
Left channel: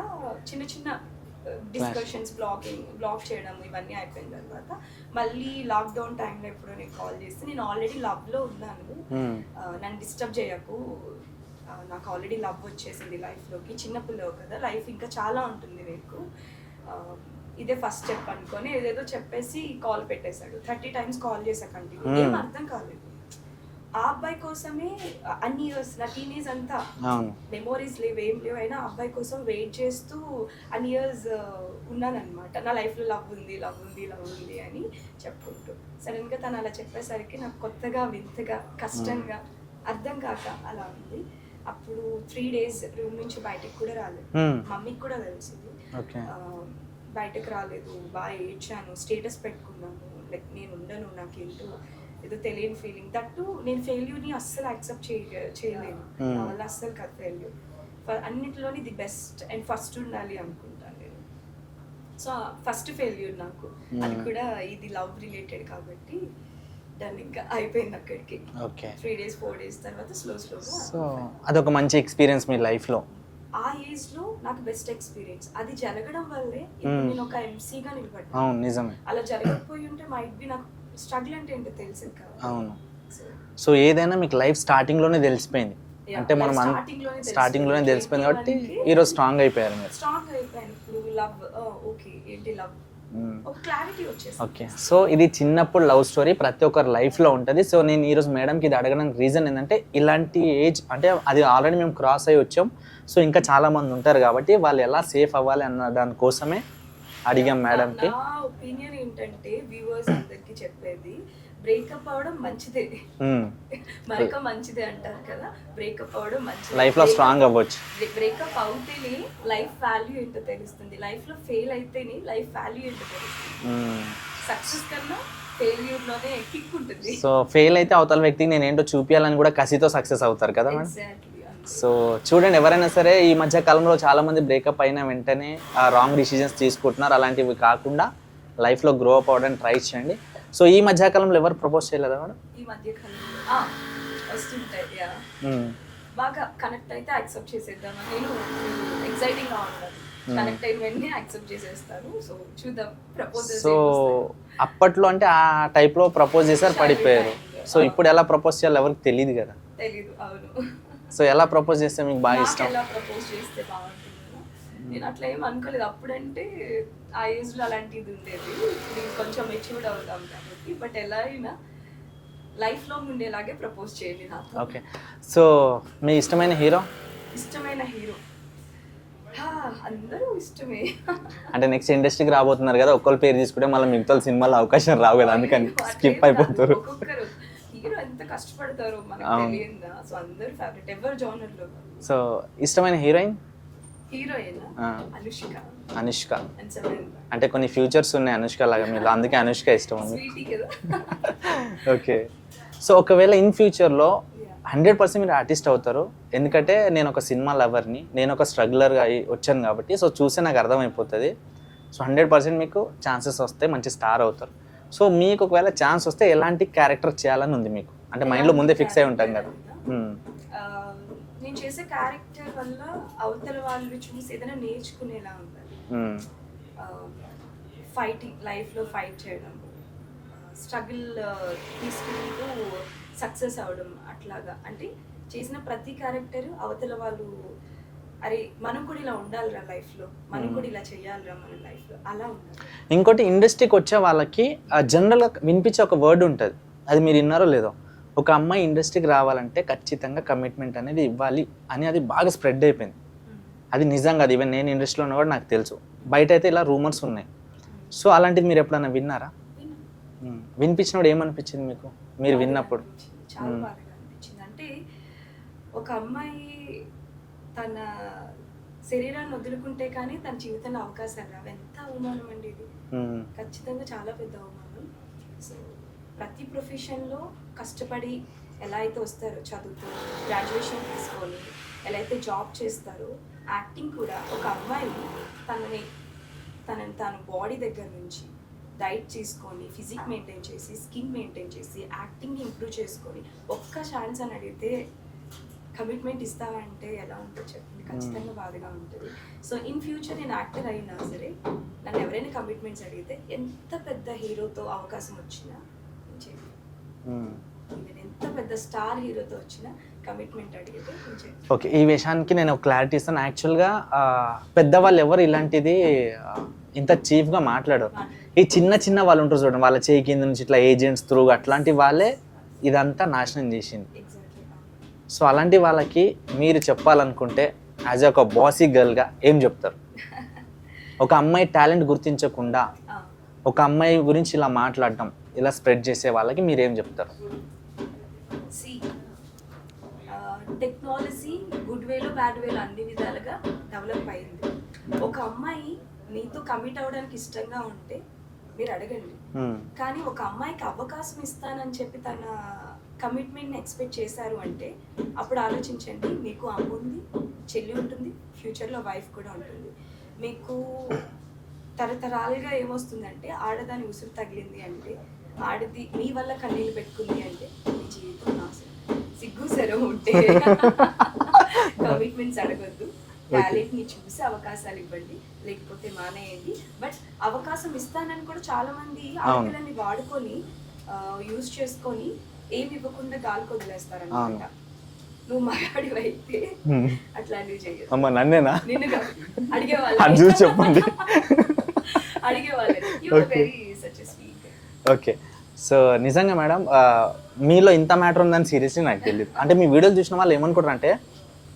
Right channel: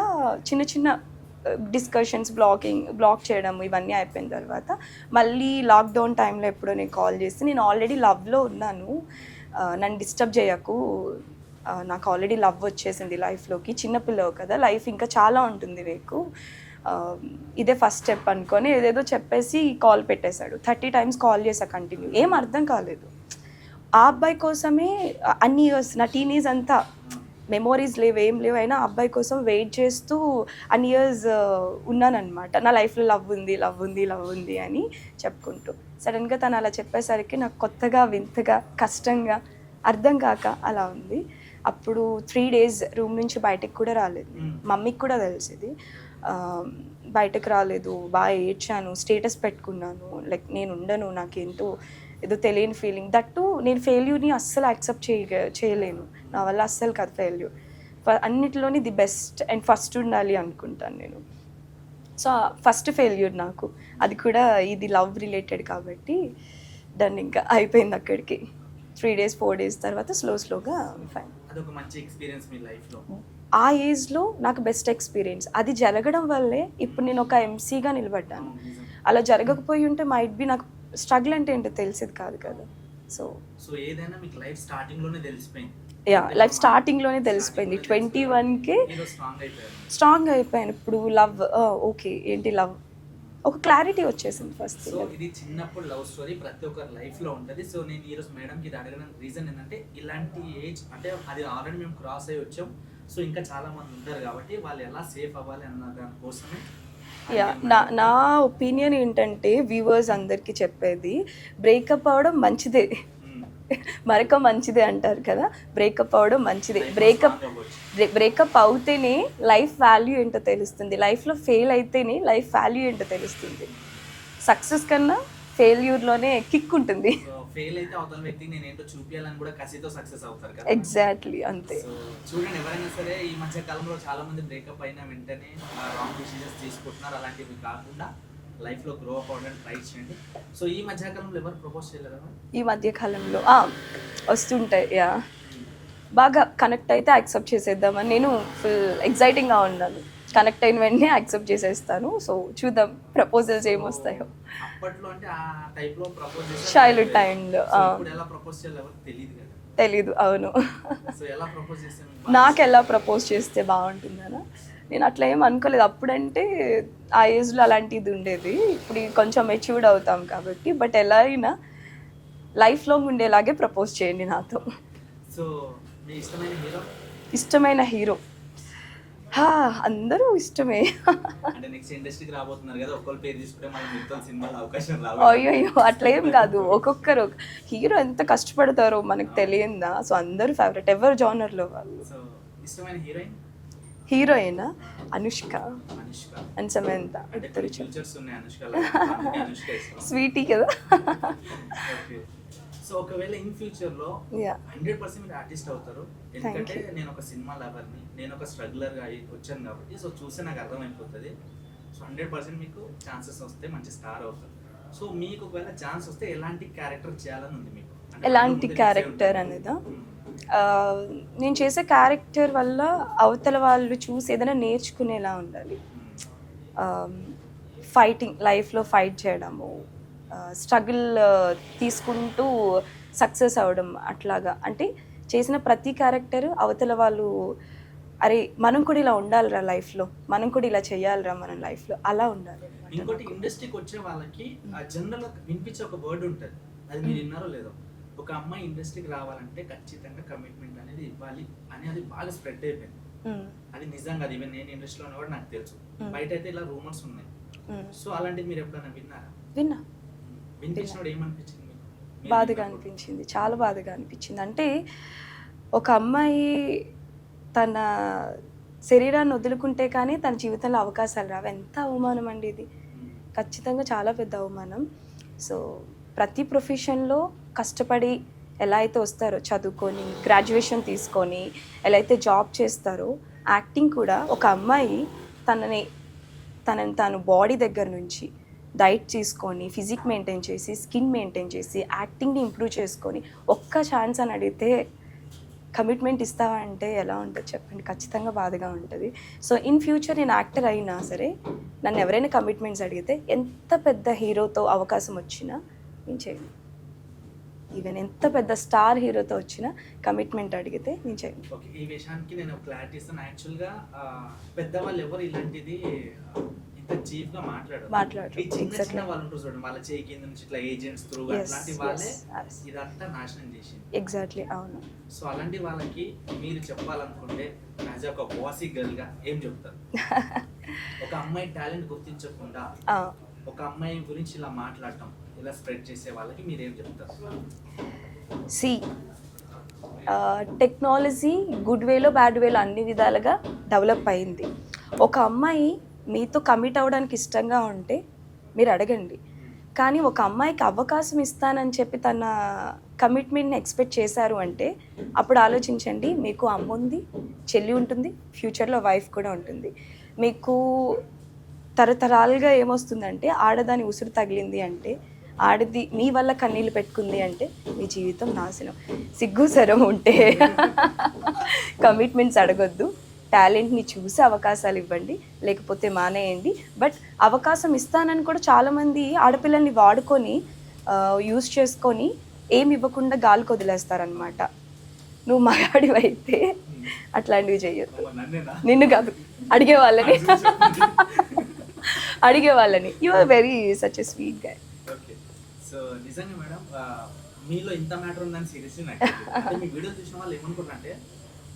చిన్న చిన్న డిస్కషన్స్, బ్లాక్ చేయడం ఇవన్నీ అయిపోయిన తర్వాత మళ్ళీ లాక్డౌన్ టైంలో ఎప్పుడో నేను కాల్ చేస్తే, నేను ఆల్రెడీ లవ్లో ఉన్నాను, నన్ను డిస్టర్బ్ చేయకు, నాకు ఆల్రెడీ లవ్ వచ్చేసింది లైఫ్లోకి, చిన్నపిల్లవు కదా, లైఫ్ ఇంకా చాలా ఉంటుంది నీకు, ఇదే ఫస్ట్ స్టెప్ అనుకొని ఏదేదో చెప్పేసి కాల్ పెట్టేశాడు. 30 times కాల్ చేశా కంటిన్యూ. ఏం అర్థం కాలేదు. ఆ అబ్బాయి కోసమే అన్ని ఇయర్స్, నా టీనేజ్ అంతా మెమోరీస్ లేవు, ఏం లేవు, అయినా అబ్బాయి కోసం వెయిట్ చేస్తూ అన్ని ఇయర్స్ ఉన్నానన్నమాట. నా లైఫ్లో లవ్ ఉంది అని చెప్పుకుంటూ. సడన్గా తను అలా చెప్పేసరికి నాకు కొత్తగా, వింతగా, కష్టంగా, అర్థం కాక అలా ఉంది. అప్పుడు 3 days రూమ్ నుంచి బయటకు కూడా రాలేదు. మమ్మీకి కూడా తెలిసింది. బయటకు రాలేదు, బాగా ఏడ్చాను, స్టేటస్ పెట్టుకున్నాను, లైక్ నేను ఉండను, నాకేంటో ఏదో తెలియని ఫీలింగ్. దట్టు నేను ఫెయిల్యూర్ని అస్సలు యాక్సెప్ట్ చేయలేను, నా వల్ల అస్సలు కాదు ఫెయిల్యూర్. అన్నిటిలోని ది బెస్ట్ అండ్ ఫస్ట్ ఉండాలి అనుకుంటాను నేను. సో ఫస్ట్ ఫెయిల్యూర్ నాకు, అది కూడా ఇది లవ్ రిలేటెడ్ కాబట్టి దాన్ని ఇంకా అయిపోయింది అక్కడికి. 3 days 4 days తర్వాత స్లోగా అదొక మంచి ఎక్స్పీరియన్స్ మీ లైఫ్లో. ఆ ఏజ్లో నాకు బెస్ట్ ఎక్స్పీరియన్స్. అది జరగడం వల్లే ఇప్పుడు నేను ఒక ఎంసీగా నిలబడ్డాను. అలా జరగకపోయి ఉంటే మైట్ బి నాకు స్ట్రగుల్ అంటే ఏంటో తెలిసేది కాదు. సో ఏదైనా మీకు లైఫ్ స్టార్టింగ్ లోనే తెలిసిపోయింది. స్టార్టింగ్ లోనే తెలిసిపోయింది. స్ట్రాంగ్ అయిపోయాను. ఇప్పుడు లవ్ ఓకే ఏంటి లవ్, ఒక క్లారిటీ వచ్చేసి. సో ఇది చిన్నప్పుడు లవ్ స్టోరీ ప్రతి ఒక్కరి లైఫ్లో ఉంటుంది. సో నేను ఈరోజు మేడంకి ఇది అడగడానికి రీజన్ ఏంటంటే, ఇలాంటి ఏజ్ అంటే అది ఆల్రెడీ మేము క్రాస్ అయ్యి వచ్చాం. సో ఇంకా చాలా మంది ఉంటారు కాబట్టి వాళ్ళు ఎలా సేఫ్ అవ్వాలి అన్న దానికోసమే అడిగాం మేడం. నా ఒపీనియన్ ఏంటంటే వ్యూవర్స్ అందరికి చెప్పేది, బ్రేకప్ అవడం మంచిదే, మరొక మంచిదే అంటారు కదా, బ్రేకప్ అవడం మంచిదే. బ్రేకప్ అవుతేనే లైఫ్ వాల్యూ ఏంటో తెలుస్తుంది, లైఫ్లో ఫెయిల్ అయితేనే లైఫ్ వాల్యూ ఏంటో తెలుస్తుంది. సక్సెస్ కన్నా ఫెయిల్యూర్లోనే కిక్ ఉంటుంది. సో ఫెయిల్ అయితే అవతల వ్యక్తికి నేను ఏంటో చూపించాలని కూడా కసితో సక్సెస్ అవుతారు కదా. ఎగ్జాక్ట్లీ అంతే. సో చూడండి, ఎవరైనా సరే ఈ మధ్య కాలంలో చాలా మంది బ్రేకప్ అయిన వెంటనే రాంగ్ డిసిజన్స్ తీసుకుంటున్నారు. అలాంటివి కాకుండా లైఫ్లో గ్రో అప్ అవ్వడానికి ట్రై చేయండి. సో ఈ మధ్య కాలంలో ఎవరు ప్రపోజ్ చేయలేదా మేడం? ఈ మధ్య కాలంలో వస్తుంటాయి, బాగా కనెక్ట్ అయితే యాక్సెప్ట్ చేసేద్దామని నేను ఫుల్ ఎక్సైటింగ్గా ఉండాలి. కనెక్ట్ అయిన వెంటనే యాక్సెప్ట్ చేసేస్తాను. సో చూద్దాం ప్రపోజల్స్ ఏమొస్తాయో. అప్పట్లో అంటే ఆ టైప్ లో ప్రపోజ్ చేశారు. సో ఇప్పుడు ఎలా ప్రపోజ్ చేయాలి ఎవరికి తెలియదు కదా. తెలీదు, అవును. సో ఎలా ప్రపోజ్ చేస్తే మీకు బాగా, నాకు ఎలా ప్రపోజ్ చేస్తే బాగుంటుందనా, నేను అట్లా ఏం అనుకోలేదు. అప్పుడంటే ఆ ఏజ్లో అలాంటిది ఉండేది. ఇప్పుడు కొంచెం మెచ్యూర్డ్ అవుతాం కాబట్టి. బట్ ఎలా అయినా లైఫ్ లాంగ్ ఉండేలాగే ప్రపోజ్ చేయండి నాతో. ఓకే. సో మీ ఇష్టమైన హీరో? ఇష్టమైన హీరో అందరూ ఇష్టమే. అంటే నెక్స్ట్ ఇండస్ట్రీకి రాబోతున్నారు కదా, ఒక్కళ్ళ పేరు తీసుకుంటే మళ్ళీ మిగతా సినిమాలో అవకాశం రావు కదా. అట్లేం కాదు, ఒక్కొక్కరు హీరో ఎంత కష్టపడతారో మనకు తెలియదా. సో అందరూ ఫేవరెట్, ఎవరు జానర్ లో వాళ్ళు. సో ఇష్టమైన heroine? Heroine Anushka. Anushka and Samantha. అంటే కొన్ని ఫ్యూచర్స్ ఉన్నాయి అనుష్క లాగా, అందుకే అనుష్క ఇష్టం. స్వీటీ కదా. ఓకే. సో ఒకవేళ ఇన్ ఫ్యూచర్లో 100% మీరు ఆర్టిస్ట్ అవుతారు. ఎందుకంటే నేను ఒక సినిమా లవర్ని, నేను ఒక స్ట్రగ్లర్గా వచ్చాను కాబట్టి. సో చూస్తే నాకు అర్థమైపోతుంది. సో 100% మీకు ఛాన్సెస్ వస్తే మంచి స్టార్ అవుతారు. సో మీకు ఒకవేళ ఛాన్స్ వస్తే ఎలాంటి క్యారెక్టర్ చేయాలని ఉంది మీకు? అంటే మైండ్లో ముందే ఫిక్స్ అయి ఉంటారు. నేను చేసే క్యారెక్టర్ వల్ల అవతల వాళ్ళు చూసి ఏదైనా నేర్చుకునేలా ఉండాలి. ఫైటింగ్, లైఫ్లో ఫైట్ చేయడము, స్ట్రగుల్ తీసుకుంటూ సక్సెస్ అవ్వడం, అట్లాగా. అంటే చేసిన ప్రతి క్యారెక్టర్ అవతల వాళ్ళు అరే మనం కూడా ఇలా ఉండాలిరా లైఫ్లో, మనం కూడా ఇలా చేయాలిరా మన లైఫ్లో, అలా ఉండాలి. ఇంకోటి, ఇండస్ట్రీకి వచ్చే వాళ్ళకి జనరల్గా వినిపించే ఒక వర్డ్ ఉంటుంది, అది మీరు విన్నారో లేదో, ఒక అమ్మాయి ఇండస్ట్రీకి రావాలంటే ఖచ్చితంగా కమిట్మెంట్ అనేది ఇవ్వాలి అని. అది బాగా స్ప్రెడ్ అయిపోయింది. అది నిజంగా, అది ఈవెన్ నేను ఇండస్ట్రీలో ఉన్నా కూడా నాకు తెలుసు. బయట అయితే ఇలా రూమర్స్ ఉన్నాయి. సో అలాంటిది మీరు ఎప్పుడైనా విన్నారా? విన్నా. వినిపించినప్పుడు ఏమనిపించింది మీకు? మీరు విన్నప్పుడు చాలా బాధగా అనిపించింది. అంటే ఒక అమ్మాయి తన శరీరాన్ని వదులుకుంటే కానీ తన జీవితంలో అవకాశాలు రావు. ఎంత అవమానం అండి ఇది, ఖచ్చితంగా చాలా పెద్ద అవమానం. సో ప్రతి ప్రొఫెషన్లో కష్టపడి ఎలా అయితే వస్తారో, చదువుకొని గ్రాడ్యుయేషన్ తీసుకొని ఎలా అయితే జాబ్ చేస్తారో, యాక్టింగ్ కూడా ఒక అమ్మాయి తనని తాను బాడీ దగ్గర నుంచి డైట్ తీసుకొని, ఫిజిక్ మెయింటైన్ చేసి, స్కిన్ మెయింటైన్ చేసి, యాక్టింగ్ని ఇంప్రూవ్ చేసుకొని ఒక్క ఛాన్స్ అని అడిగితే కమిట్మెంట్ ఇస్తావా అంటే ఎలా ఉంటుంది చెప్పండి? ఖచ్చితంగా బాధగా ఉంటుంది. సో ఇన్ ఫ్యూచర్ నేను యాక్టర్ అయినా సరే నన్ను ఎవరైనా కమిట్మెంట్స్ అడిగితే, ఎంత పెద్ద హీరోతో అవకాశం వచ్చినా నేను చేయను. ఈవెన్ ఎంత పెద్ద స్టార్ హీరోతో వచ్చినా కమిట్మెంట్ అడిగితే నేను చేయను. ఓకే, ఈ విషయానికి నేను ఒక క్లారిటీ ఇస్తాను. యాక్చువల్గా పెద్దవాళ్ళు ఎవరు ఇలాంటిది ఇంత చీఫ్గా మాట్లాడరు. ఈ చిన్న చిన్న వాళ్ళు ఉంటారు చూడండి, వాళ్ళ చేయి కింద నుంచి ఇట్లా ఏజెంట్స్ త్రూ అట్లాంటి వాళ్ళే ఇదంతా నాశనం చేసింది. ఎగ్జాక్ట్లీ, అవును. సో అలాంటి వాళ్ళకి మీరు చెప్పాలనుకుంటే యాజ్ ఒక బాసీ గర్ల్గా ఏం చెప్తారు? ఒక అమ్మాయి టాలెంట్ గుర్తించకుండా ఒక అమ్మాయి గురించి ఇలా మాట్లాడటం, ఇలా స్ప్రెడ్ చేసే వాళ్ళకి మీరు ఏం చెప్తారు? టెక్నాలజీ గుడ్ వేలో బ్యాడ్ వేలో అన్ని విధాలుగా డెవలప్ అయింది. ఒక అమ్మాయి మీతో కమిట్ అవ్వడానికి ఇష్టంగా ఉంటే మీరు అడగండి. కానీ ఒక అమ్మాయికి అవకాశం ఇస్తానని చెప్పి తన కమిట్మెంట్ని ఎక్స్పెక్ట్ చేశారు అంటే అప్పుడు ఆలోచించండి. మీకు అమ్మ ఉంది, చెల్లి ఉంటుంది, ఫ్యూచర్లో వైఫ్ కూడా ఉంటుంది. మీకు తరతరాలుగా ఏమొస్తుందంటే, ఆడదాని ఉసురు తగిలింది అంటే, ఆడది మీ వల్ల కన్నీళ్ళు పెట్టుకుంది అంటే మీ జీవితం నాశనం. సిగ్గు సరం ఉంటే కమిట్మెంట్స్ అడగొద్దు. టాలెంట్ని చూసి అవకాశాలు ఇవ్వండి, లేకపోతే మానేయండి. బట్ అవకాశం ఇస్తానని కూడా చాలామంది ఆడపిల్లల్ని వాడుకొని యూజ్ చేసుకొని ఏమి ఇవ్వకుండా గాలికి వదిలేస్తారనమాట. నువ్వు మగాడివి అయితే అట్లాంటివి చెయ్యదు. నిన్ను కాదు, అడిగే వాళ్ళని అడిగే వాళ్ళని. You are very such a sweet guy. Okay, so నిజంగా మేడం మీలో ఇంత మ్యాటర్ ఉందని సీరియస్లీ నాకు తెలియదు. అంటే మీ వీడియోలు చూసిన వాళ్ళు ఏమనుకుంటారు అంటే,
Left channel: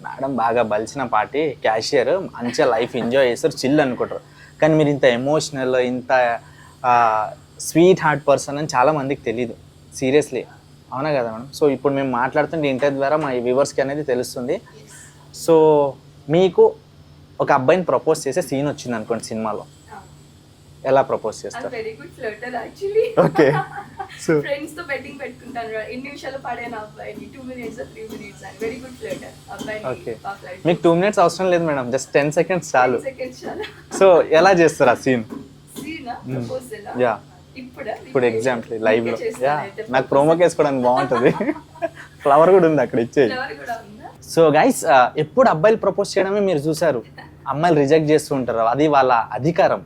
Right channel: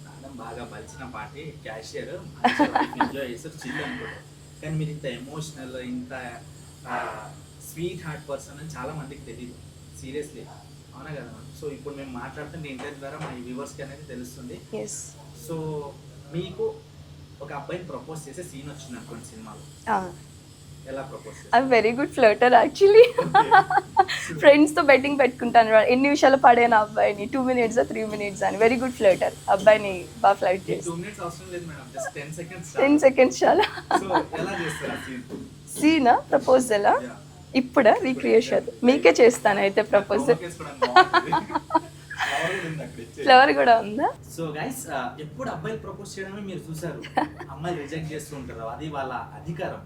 మేడం బాగా బలిసిన పార్టీ, క్యాషియర్, మంచిగా లైఫ్ ఎంజాయ్ చేస్తారు, చిల్ అనుకుంటారు. కానీ మీరు ఇంత ఎమోషనల్, ఇంత స్వీట్ హార్ట్ పర్సన్ అని చాలా మందికి తెలియదు సీరియస్లీ. అవునా కదా మేడం? సో ఇప్పుడు మేము మాట్లాడుతుంటే ఇంటర్వ్యూ ద్వారా మా వ్యూవర్స్కి అనేది తెలుస్తుంది. సో మీకు ఒక అబ్బాయిని ప్రపోజ్ చేసే సీన్ వచ్చింది అనుకోండి సినిమాలో, ఎలా ప్రపోజ్ చేస్తారు? I very good flirter actually. Friends తో బెట్టింగ్ పెట్టుకుంటాను, ఎన్ని విషయాలు పడేనా అబ్బాయిని, 2 minutes 3 minutes అని. వెరీ గుడ్ ఫ్లర్టర్ అబ్బాయిని. బాగా ఫ్లర్ట్. మీకు 2 minutes అవసరం లేదు మేడం, జస్ట్ 10 seconds చాలు. 10 seconds చాలా. సో ఎలా చేస్తారు ఆ సీనా ప్రపోజల్? ఇప్పుడు ఎగ్జాంపుల్ మీకే చేస్తాను అయితే. నాకు ప్రోమో చేసుకోవడానికి బాగుంటుంది. ఫ్లవర్ కూడా ఉంది అక్కడ, ఇచ్చే ఫ్లవర్ కూడా ఉందా? సో గైస్, ఎప్పుడు అబ్బాయిలు ప్రపోజ్ చేయడమే మీరు చూసారు, అమ్మాయిలు రిజెక్ట్ చేస్తూ ఉంటారు, అది వాళ్ళ అధికారం.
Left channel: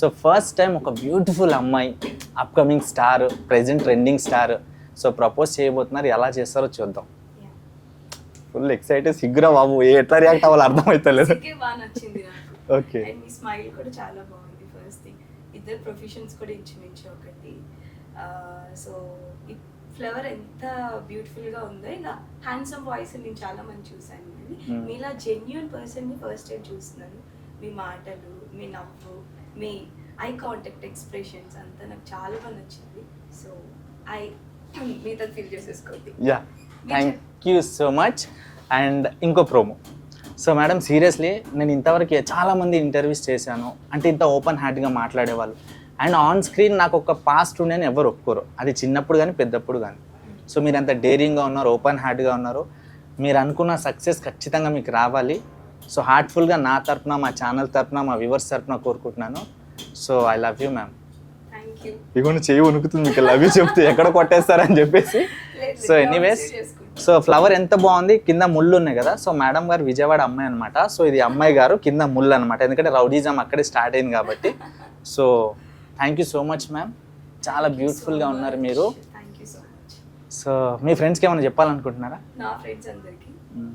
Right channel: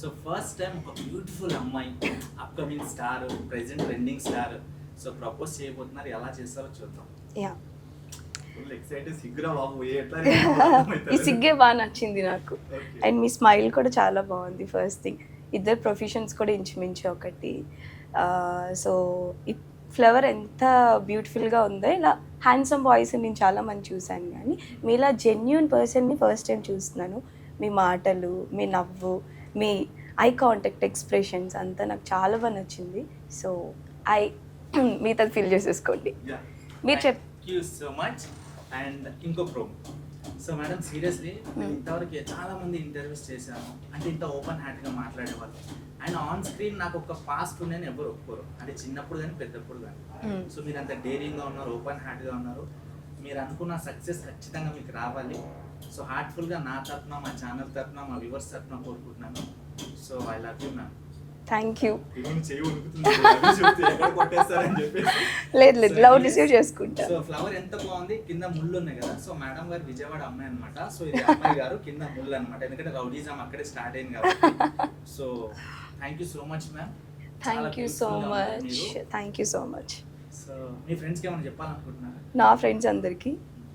సో ఫస్ట్ టైం ఒక బ్యూటిఫుల్ అమ్మాయి, upcoming star, present trending star, so propose చేయబోతున్నారు. ఎలా చేస్తారో చూద్దాం. Full excited. సిగ్గురా బాబు, ఎట్లా రియాక్ట్ అవ్వాలి అర్థమవుతలేదు. సిగ్గే బాగా నచ్చింది నాకు. అండ్ మీ స్మైల్ కూడా చాలా బాగుంది. ఫస్ట్ థింగ్, ఇద్దరు ప్రొఫెషన్స్ కూడా ఇంచుమించు ఒకటి. సో ఈ ఫ్లవర్ ఎంత బ్యూటిఫుల్గా ఉందో, ఇలా హ్యాండ్సమ్ వాయిస్ నేను చాలా మంది చూశాను, కానీ మీలా జెన్యూన్ పర్సన్ని ఫస్ట్ టైం చూస్తున్నాను. మీ మాటలు, మీ నవ్వు, మీ ఐ కాంటాక్ట్, ఎక్స్ప్రెషన్స్ అంతా నాకు చాలా బాగా నచ్చింది. సో మీతో ఫీల్ చేసేసుకోండి. Thank you so much. And ఇంకో ప్రోమో. సో మేడం సీరియస్లీ నేను ఇంతవరకు చాలామంది ఇంటర్వ్యూస్ చేశాను, అంటే ఇంత ఓపెన్ హార్ట్గా మాట్లాడేవాళ్ళు. అండ్ ఆన్ స్క్రీన్ నాకు ఒక పాస్ట్ ఉండేని ఎవరు ఒప్పుకోరు, అది చిన్నప్పుడు కానీ పెద్దప్పుడు కానీ. సో మీరు అంత డేరింగ్గా ఉన్నారు, ఓపెన్ హార్ట్గా ఉన్నారు. మీరు అనుకున్న సక్సెస్ ఖచ్చితంగా మీకు రావాలి. సో హార్ట్ఫుల్గా నా తరపున, మా ఛానల్ తరపున, మా వ్యూవర్స్ తరపున కోరుకుంటున్నాను. So I love you ma'am. Thank you. ఇవన్నీ చేయి వణుకుతుంది, లవ్ యూ చెప్తే ఎక్కడ కొట్టేస్తారని చెప్పేసి. సో ఫ్లవర్ ఎంత బాగుంది, కింద ముళ్ళు ఉన్నాయి కదా. సో మేడం గారు విజయవాడ అమ్మాయి అనమాట. సో ఇది అమ్మాయి గారు, కింద ముళ్ళు అనమాట, ఎందుకంటే రౌడీజం అక్కడే స్టార్ట్ అయింది కాబట్టి. So thank you so much ma'am, చాలా బ్యూటిఫుల్గా ఉన్నారు మీరు. Thank you so much. So మీ ఫ్రెండ్స్కి ఏమైనా చెప్పాలనుకుంటున్నారా? నా ఫ్రెండ్స్ అందరికీ,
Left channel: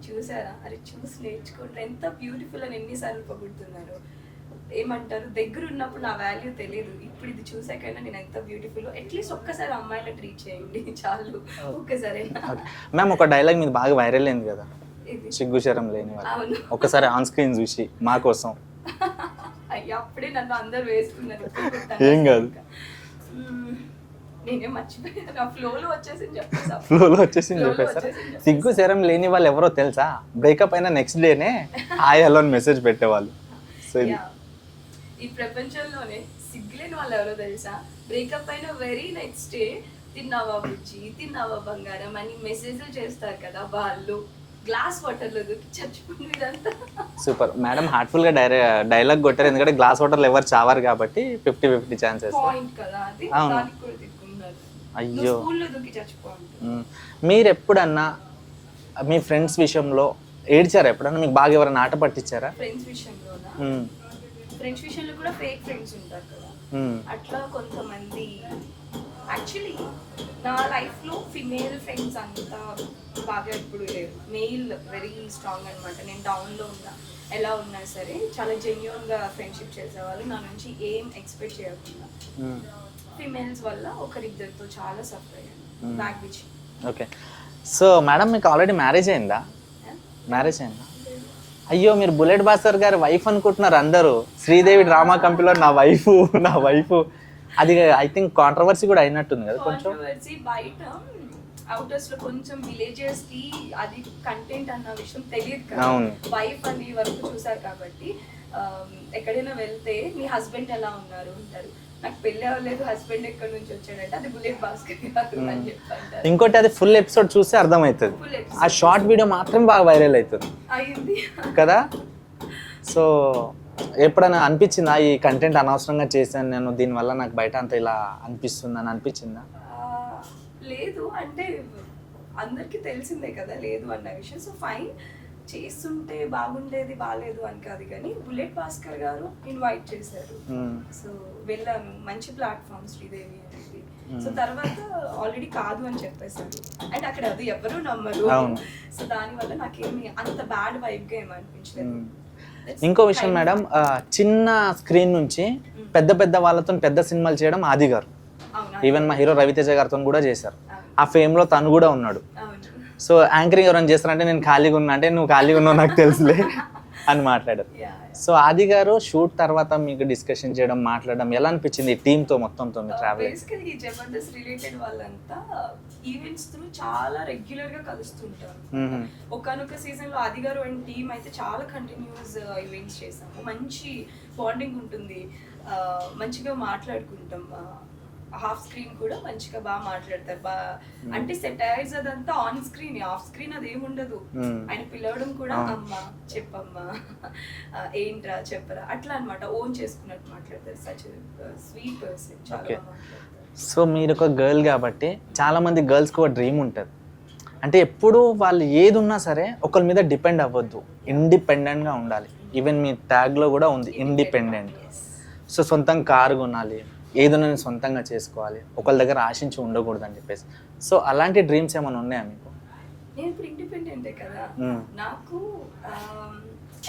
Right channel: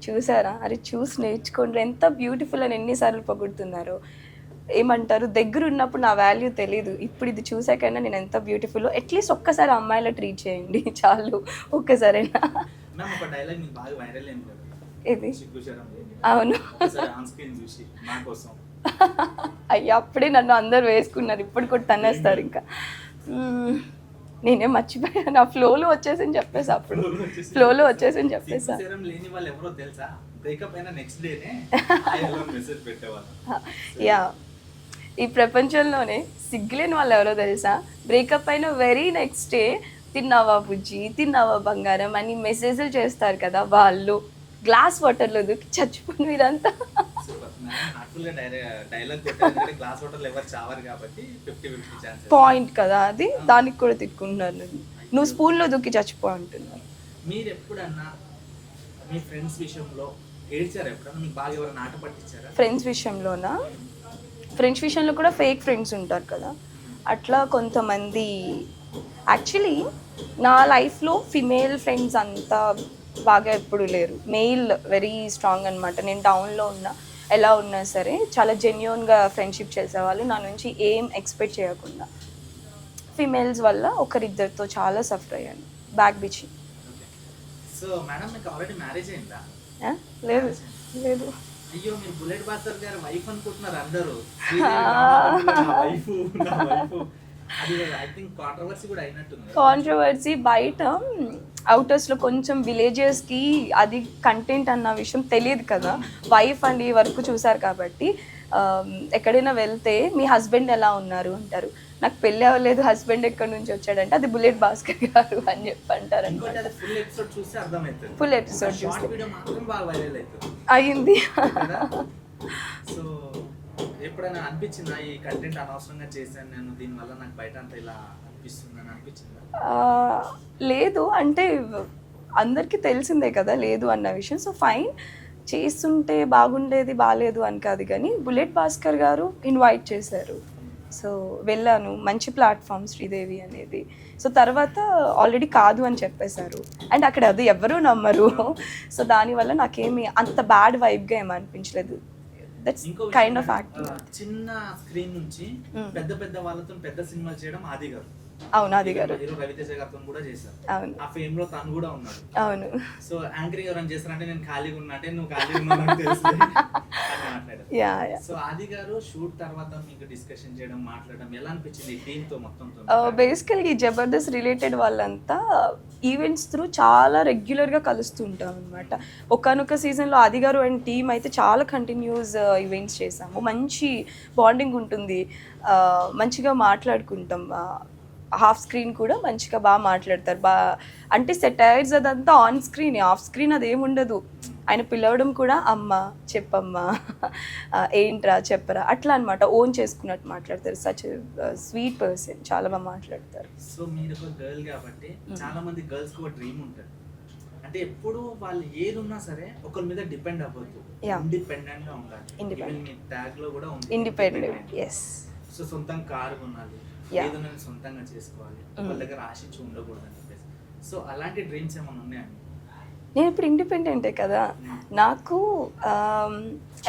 చూసారా, అరే చూసి నేర్చుకోండి, ఎంత బ్యూటిఫుల్ అని ఎన్నిసార్లు పొగుడుతున్నారు. ఏమంటారు, దగ్గర ఉన్నప్పుడు నా వాల్యూ తెలీదు, ఇప్పుడు ఇది చూసాకైనా నేను ఎంత బ్యూటిఫుల్. అట్లీస్ట్ ఒక్కసారి అమ్మాయిలా ట్రీట్ చేయండి చాలు, ఒక్కసారైనా. మ్యామ్ ఒక డైలాగ్ మీద బాగా వైరల్ అయింది కదా, ఇది సిగ్గు శరం లేని. అవును, ఒకసారి ఆన్ స్క్రీన్ చూసి మా కోసం. అయ్యా అప్పుడే నన్ను అందరు వేసుకున్నారు, ఇప్పుడు కూడా ఇంకా నేనే మర్చిపోయాను, నా ఫ్లోలో వచ్చేసి చెప్పేసా, ఫ్లోలో వచ్చేసి ఫ్లోలో వచ్చేసి సిగ్గు చెప్పేసా. శరం లేని వాళ్ళు ఎవరో తెలుసా, బ్రేకప్ అయిన నెక్స్ట్ డేనే హాయ్ హలో అని మెసేజ్ పెట్టేవాళ్ళు. యా, ఈ ప్రపంచంలోనే సిగ్గులేని వాళ్ళు ఎవరో తెలుసా, బ్రేకప్ అయిన వెరీ నెక్స్ట్ డే తిన్నావా బుజ్జి, తిన్నావా బంగారం అని మెసేజ్లు చేస్తారు కదా వాళ్ళు. గ్లాస్ వాటర్లో దూకి చచ్చిపోయి మీరంతా. సూపర్ మేడం, హార్ట్ఫుల్ గా డైలాగ్ కొట్టారు, ఎందుకంటే గ్లాస్ వాటర్లు ఎవరు చావారు కాబట్టి 50-50 ఛాన్సెస్. పాయింట్ కదా అది, దానికి కూడా తిట్టుకుంటున్నాను నేను. నువ్వు స్కూల్లో దూకి చచ్చిపోయి ఉంటుంది. మీరు ఎప్పుడన్నా మీ ఫ్రెండ్స్ విషయంలో ఏడ్చారా ఎప్పుడన్నా? మీకు బాగా ఎవరైనా ఆట పట్టించారా? ఫ్రెండ్స్ విషయంలోనా? ఫ్రెండ్స్ విషయంలో కూడా ఫేక్ ఫ్రెండ్స్ ఉంటారు కదా, అట్లా కొంతమంది. యాక్చువల్లీ నా లైఫ్లో ఫిమేల్ ఫ్రెండ్స్ అంతా బాగా ఎప్పుడు లేరు, మెయిల్ వెరీ స్ట్రాంగ్ అనమాట. నేను టౌన్లో ఉన్నా, ఎలా ఉన్నా సరే చాలా జెన్యున్గా ఫ్రెండ్షిప్ చేసేవాళ్ళు, నా నుంచి ఏం ఎక్స్పెక్ట్ చేయకుండా. ఫిమేల్స్ వల్ల ఒకరిద్దరితో చాలా సఫర్ అయ్యాను, back bitching. Okay, so madam మీకు ఆల్రెడీ మ్యారేజ్ అయిందా? మ్యారేజ్ అయిందా? లేదు. అయ్యో, మీరు బుల్లెట్ భాస్కర్ గారి వైఫ్ అనుకుంటున్నారు అందరూ. శ్రీదేవి డ్రామా కంపెనీలో నా వైఫ్ అది ఐ థింక్ కాంట్రవర్సీ కూడా అయినట్టుంది కదా. కాంట్రవర్సీ బయట అవుటర్స్ లో కొంచెం విలేజెస్ కి అది కంటెంట్ అన్న విషయం తెలియదు కదా. వైఫ్ అండి వరకు చూసారు కాబట్టి ఎక్కడైనా వెళ్తే మీ హస్బెండ్ ఎలా ఉన్నారు అంటారు. నాకు పెళ్లి అవ్వలేదు, హస్బెండ్ ఎక్కడి నుంచి వచ్చాడంటే అది బుల్లెట్ భాస్కర్ గారు అని చెప్పి అంటారు. ఇంకోటి, అది ఫుల్ ఎపిసోడ్ చూస్తే అర్థమవుతుంది, ఫుల్ ఆ ఎపిసోడ్ షార్ట్ వీడియో మాత్రం బాగా వైరల్ అవుతుంది అయింది కదా. సో ఎప్పుడైనా అనిపించిందా ఈ కంటెంట్ అనవసరంగా చేశాను నేను, దీనివల్ల నాకు బయట అంత ఇలా అనిపిస్తుంది అని అనిపించిందా? లేదు, అంటే అందరికీ తెలిసిందే కదా లేదు అన్న విషయం. సో ఫైన్, చేస్తుంటే బాగుండేది, బాగాలేదు అని కాదు కానీ బుల్లెట్ భాస్కర్ గారు ఇన్వైట్ చేశారు. సో వెళ్ళాను, మంచి ప్లాట్ఫామ్ శ్రీదేవి అనేది. సో తర్వాత ఆల్రెడీ కాదు అని చెప్పేశారు, అండ్ అక్కడ అది ఎవరూ నమ్మరు. సో దానివల్ల నాకేమి అంత బ్యాడ్ వైబ్గా ఏమి అనిపించలేదు. ఇంకో విషయం మేడం, చిన్న స్క్రీన్ నుంచి పెద్ద పెద్ద వాళ్ళతో పెద్ద సినిమాలు చేయడం ఆది గారు. ఈవెన్ మా హీరో రవితేజ గారితో కూడా చేశారు. ఆ ఫేమ్ లో తను కూడా ఉన్నాడు. సో యాంకరింగ్ ఎవరైనా చేస్తారంటే నేను ఖాళీగా ఉన్నా అంటే నువ్వు ఖాళీగా ఉన్నావు నాకు తెలుసులే అని మాట్లాడారు. సో ఆది గారు షూట్ తర్వాత మీకు డిస్కషన్ చేయడం, మాట్లాడడం ఎలా అనిపించింది టీమ్ తో మొత్తంతో? బేసికల్లీ జబర్దస్త్ రిలేటెడ్ వాళ్ళంతా ఈవెంట్స్ త్రూ చాలా రెగ్యులర్ గా కలుస్తుంటాం అనమాట. ఒకనొక సీజన్ లో ఆది గారు అండ్ టీమ్ అయితే చాలా కంటిన్యూస్ ఈవెంట్స్ చేసాము. మంచి బాండింగ్ ఉంటుంది, మంచిగా మాట్లాడుకుంటాం. హాఫ్ స్క్రీన్ కూడా మంచిగా బాగా మాట్లాడతారు. అంటే సెటైర్స్ అదంతా ఆన్ స్క్రీన్, ఆఫ్ స్క్రీన్ అదేముండదు. ఆయన పిలవడం కూడా అమ్మ చెప్పమ్మా, ఏంట్రా చెప్పరా అట్లా అనమాట, ఓన్ చేసుకున్నట్టు మాట్లాడతారు. సచ్ స్వీట్ పర్సన్, చాలా బాగా మాట్లాడతారు. సో మీరు ఒక గర్ల్ కాబట్టి చాలా మంది గర్ల్స్కి ఒక డ్రీమ్ ఉంటుంది, అంటే ఎప్పుడు వాళ్ళు ఏది ఉన్నా సరే ఒకరి మీద డిపెండ్ అవ్వద్దు, ఇండిపెండెంట్ గా ఉండాలి. ఈవెన్ మీ ట్యాగ్ లో కూడా ఉంది ఇండిపెండెంట్. సో సొంతంగా కారు కొనాలి, ఏదైనా నేను సొంతంగా చేసుకోవాలి, ఒకళ్ళ దగ్గర ఆశించి ఉండకూడదు అని చెప్పేసి. సో అలాంటి డ్రీమ్స్ ఏమైనా ఉన్నాయా మీకు? నేను ఇప్పుడు ఇండిపెండెంటే కదా. నాకు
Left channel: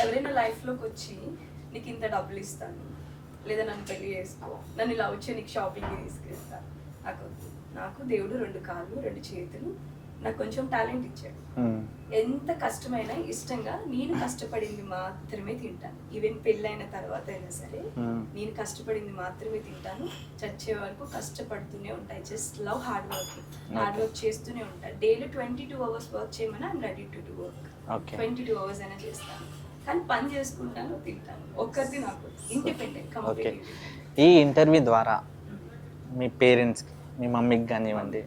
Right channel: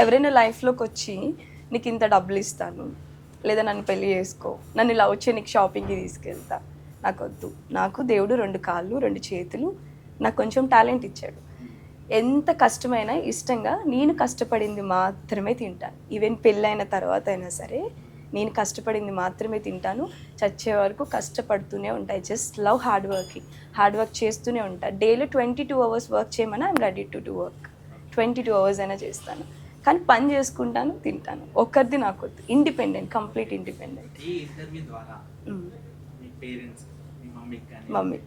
ఎవరైనా లైఫ్లోకి వచ్చి నీకు ఇంత డబ్బులు ఇస్తాను, లేదా నన్ను పెళ్లి చేసుకో, నన్ను ఇలా వచ్చి నీకు షాపింగ్కి తీసుకెళ్తా, నాకు వద్దు. నాకు దేవుడు 2 కాళ్ళు 2 చేతులు, నాకు కొంచెం టాలెంట్ ఇచ్చాడు. ఎంత కష్టమైనా ఇష్టంగా నేను కష్టపడింది మాత్రమే తింటాను. ఈవెన్ పెళ్ళైన తర్వాత అయినా సరే నేను కష్టపడింది మాత్రమే తింటాను. చచ్చే వరకు కష్టపడుతూనే ఉంటాయి. జస్ట్ లవ్ హార్డ్ వర్క్ చేస్తూనే ఉంటాను. డైలీ 22 hours వర్క్ చేయమని I'm ready to do work. 22 hours అయినా చేస్తాను, కానీ పని చేసుకుంటాను, తింటాను. ఒక్కరిది నాకు ఇండిపెండెంట్, కంప్లీట్ ఇండిపెండెంట్. ఈ ఇంటర్వ్యూ ద్వారా మీ పేరెంట్స్కి, మీ మమ్మీకి కానివ్వండి,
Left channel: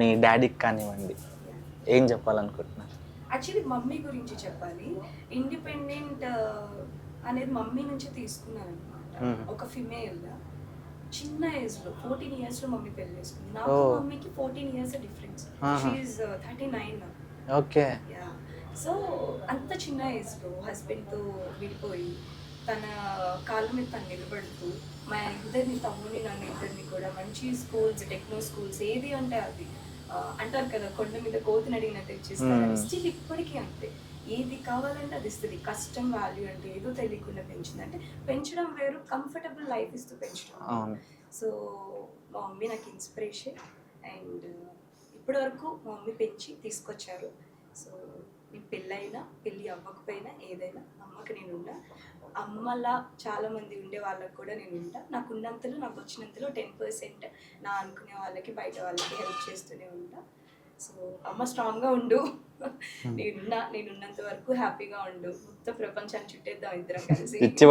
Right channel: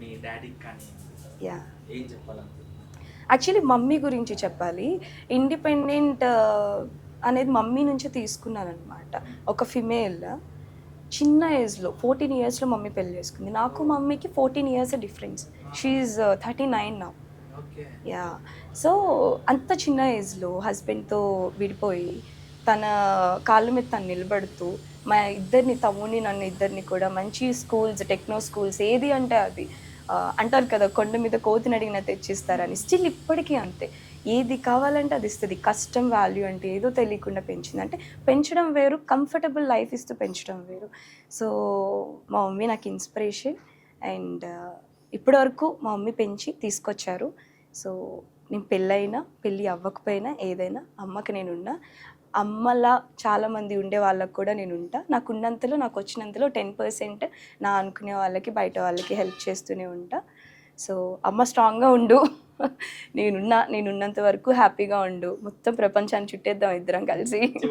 మీ డాడీకి కానివ్వండి, ఏం చెప్పాలనుకుంటున్నారు? యాక్చువల్లీ మమ్మీ గురించి చెప్పాలి. ఇండిపెండెంట్ అనేది మమ్మీ నుంచి తీసుకున్నాను అనమాట. ఒక ఫిమేల్ చిన్న ఏజ్లో 14 yearsలో మమ్మీ పెళ్లి చేసుకుంది. నాకు మమ్మీకి 14 years difference. She's 39 now. Okay, yeah. So అంత చిన్న ఏజ్లో హస్బెండ్తో విడిపోయి తన కాళ్ళ మీద తను నిలబడుతూ మా ఇద్దరిని, తమ్ముని నన్ను ఇద్దరిని కూడా మంచి స్కూల్స్, టెక్నో స్కూల్స్, ఏది అంటే అది అంటారు కదా కొండ మీద కోతిని అడిగిన తెచ్చిస్తారని. స్టిల్ ఇప్పటికీ అంతే, ఏది కావాలంటే అది ఇస్తుంది. కష్టం వాల్యూ అంటే ఏదో తెలియకుండా పెంచింది. అంటే పెంచడం వేరు, కంఫర్టబుల్ లైఫ్ ఇస్తూ పెంచడం వేరు. సో మా మమ్మీ నాకు ఇన్స్పిరేషన్. అండ్ ఇప్పటి వరకు మా మమ్మీ పెంచి తీసుకొచ్చారు. సో నేను పెళ్ళి అవ్వకపోయినా ఏదైనా అమ్మకి నేనున్నా. అమ్మలా చాలామంది ఉండే వాళ్ళకి కూడా నేను ఉంటా. నాకు ఉన్నంతలో, నాకు వచ్చినంతలో 10% నా అనుకునే వాళ్ళకి, బయట వాళ్ళకి హెల్ప్ చేస్తూనే ఉంటా. సో అమ్మ స్ట్రాంగ్గా ఉండు, నేనున్నంత వరకు హ్యాపీగా ఉండు, మొత్తం ప్రపంచాన్ని చుట్టేద్దాం ఇద్దరం కలిసి, ఇచ్చి